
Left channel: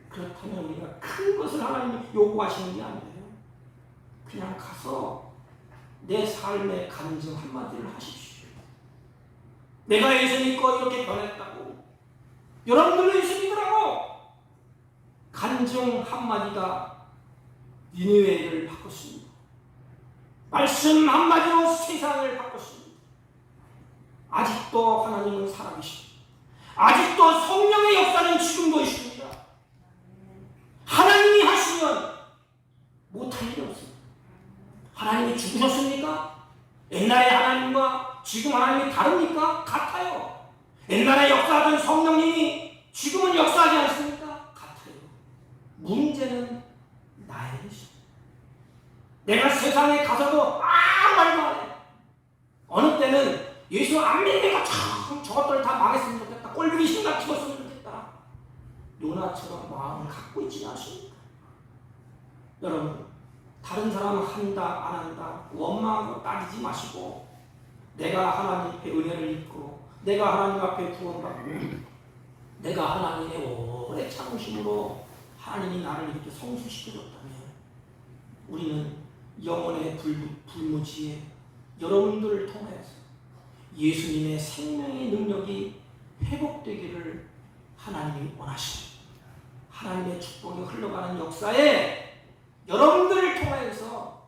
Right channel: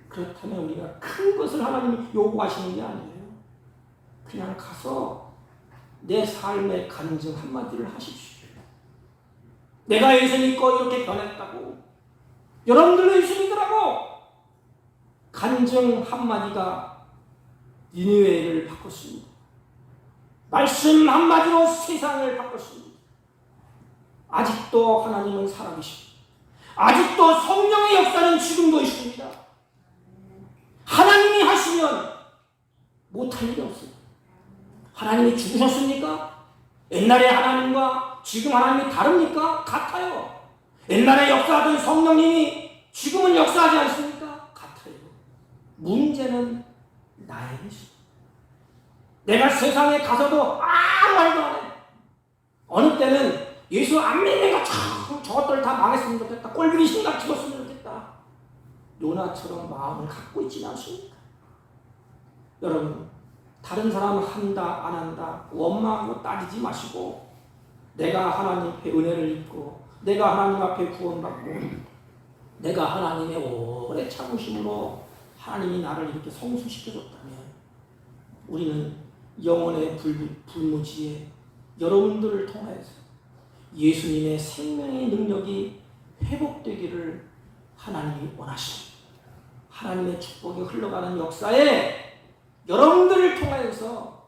그렇다면 우리가 큰 것을 하나님이 요구하시는 게 아니에요. 그냥 가서 내 삶의 간증 한마디를 하십시오. 내가 예수 믿고 이렇게 변했다고, 여러분들도 예수 믿으라고 간증 한마디가 니느웨를 바꿨습니다. 말씀 한마디로 세상을 바꿨습니다. 아직도 하나님은 살아계십니다. 아직도 성령의 역사는 지금도 있습니다. 하나님이 하시면 못할 일이 없어요. 하나님이 죽으셨습니까? 옛날의 하나님과 지금 하나님이 다릅니까? 같아요. 옛날에 역사하던 성령님이 지금은 역사하지 않습니까? 같아요. 문제는 나에게 있습니다. 내가 세상에 가서도 아무 말도 안 해. 어느 때는 예수 안 믿는 거 저것들 다 망했으면 좋겠다. 꼴보기 심각 죽었으면 좋겠다. 요나처럼 마음을 갖고 있지 않습니까? 여러분, 다른 사람 한다 안 한다 원망하고 따지지 마시고 내가 하나님 앞에 은혜를 입고 내가 하나님 앞에 구원받고 내가 하나님의 오래 참으심으로 하나님이 나를 이렇게 성숙시켜줬다면 우리는 영혼의 불무지에 여러분들을 통해서 예수님의 생명의 능력이 회복되기를 하나님이 원하십니다. 하나님의 축복이 흘러가는 역사에 여러분들을 통해서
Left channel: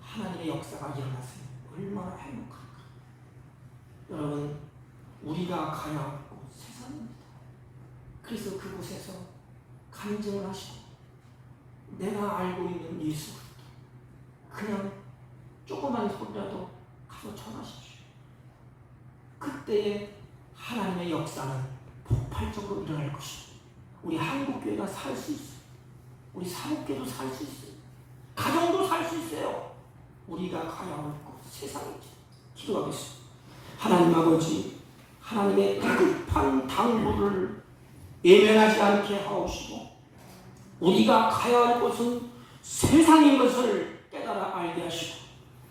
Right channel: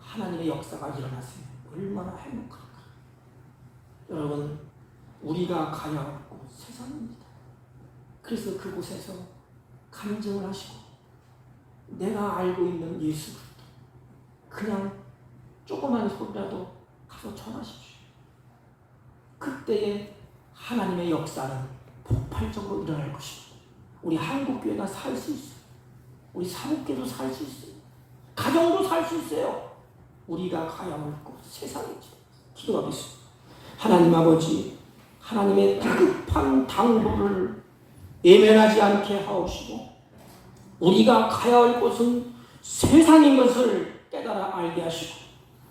하나님의 역사가 일어났어요. 얼마나 행복할까. 여러분, 우리가 가야 할 곳 세상입니다. 그래서 그곳에서 간증을 하시고 내가 알고 있는 예수 그냥 조그만 소리라도 가서 전하십시오. 그때에 하나님의 역사는 폭발적으로 일어날 것입니다. 우리 한국교회가 살 수 있어요. 우리 사업계도 살 수 있어요. 가정도 살 수 있어요. 우리가 가야 할 곳 세상이죠. 기도하겠습니다. 하나님 아버지, 하나님의 다급한 당부를 외면하지 않게 하옵시고 우리가 가야 할 곳은 세상인 것을 깨달아 알게 하시고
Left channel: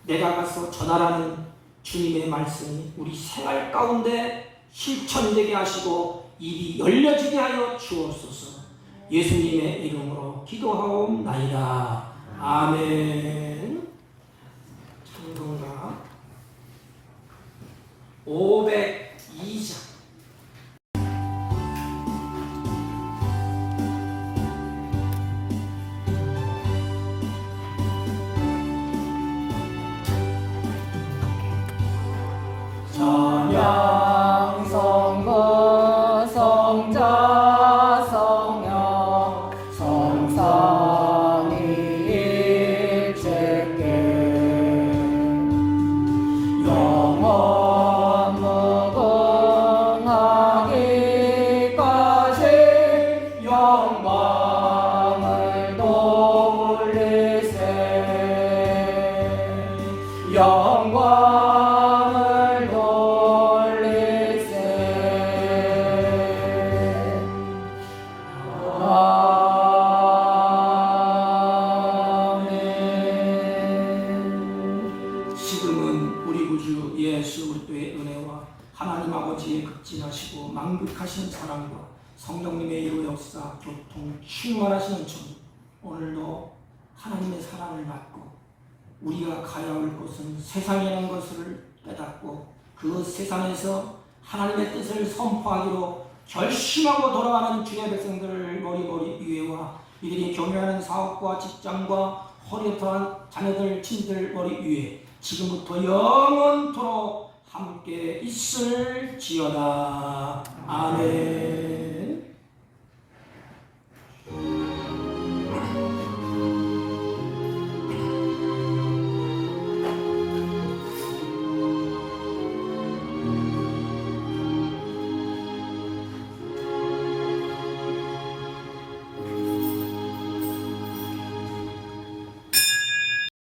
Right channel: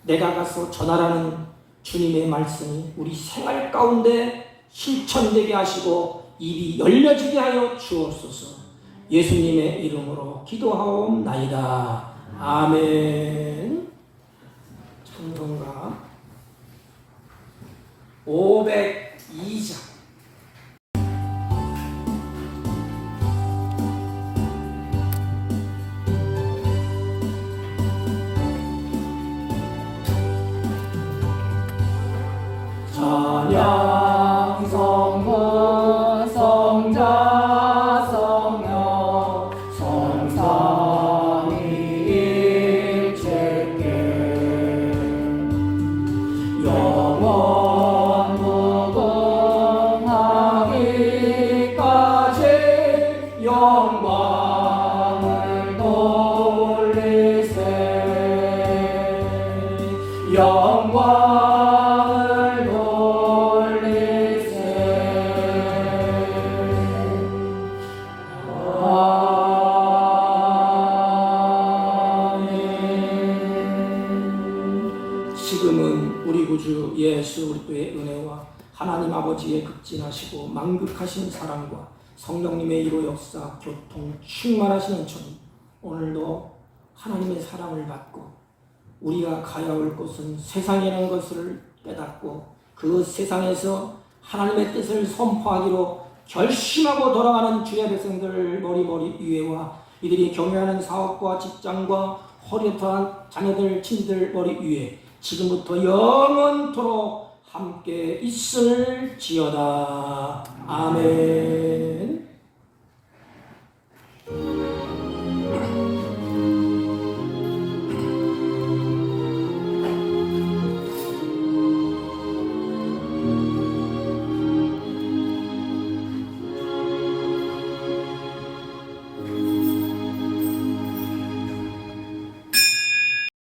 내가 가서 전하라는 주님의 말씀이 우리 생활 가운데 실천되게 하시고 입이 열려지게 하여 주옵소서. 예수님의 이름으로 기도하옵나이다. 아멘. 성경가 502장 찬양 성부 성자 성령 성삼위일체께 영원 무궁하기까지 영광을 돌리세 영광을 돌리세 아멘. 지금은 우리 구주 예수 그리스도의 은혜와 하나님 아버지의 극진하시고 만극하신 사랑과 성령님의 이로 역사 교통 충만하시는 전 오늘도 하나님의 사랑을 받고 우리가 가야 할 곳은 세상이라는 것을 깨닫고 그 세상에서 하나님의 뜻을 선포하기로 결심하고 돌아가는 주의 백성들 머리 위에와 이들이 경영하는 사업과 직장과 허리토한 자녀들 친들 머리 위에 지금부터 영원토록 함께 있을지어다. 아멘.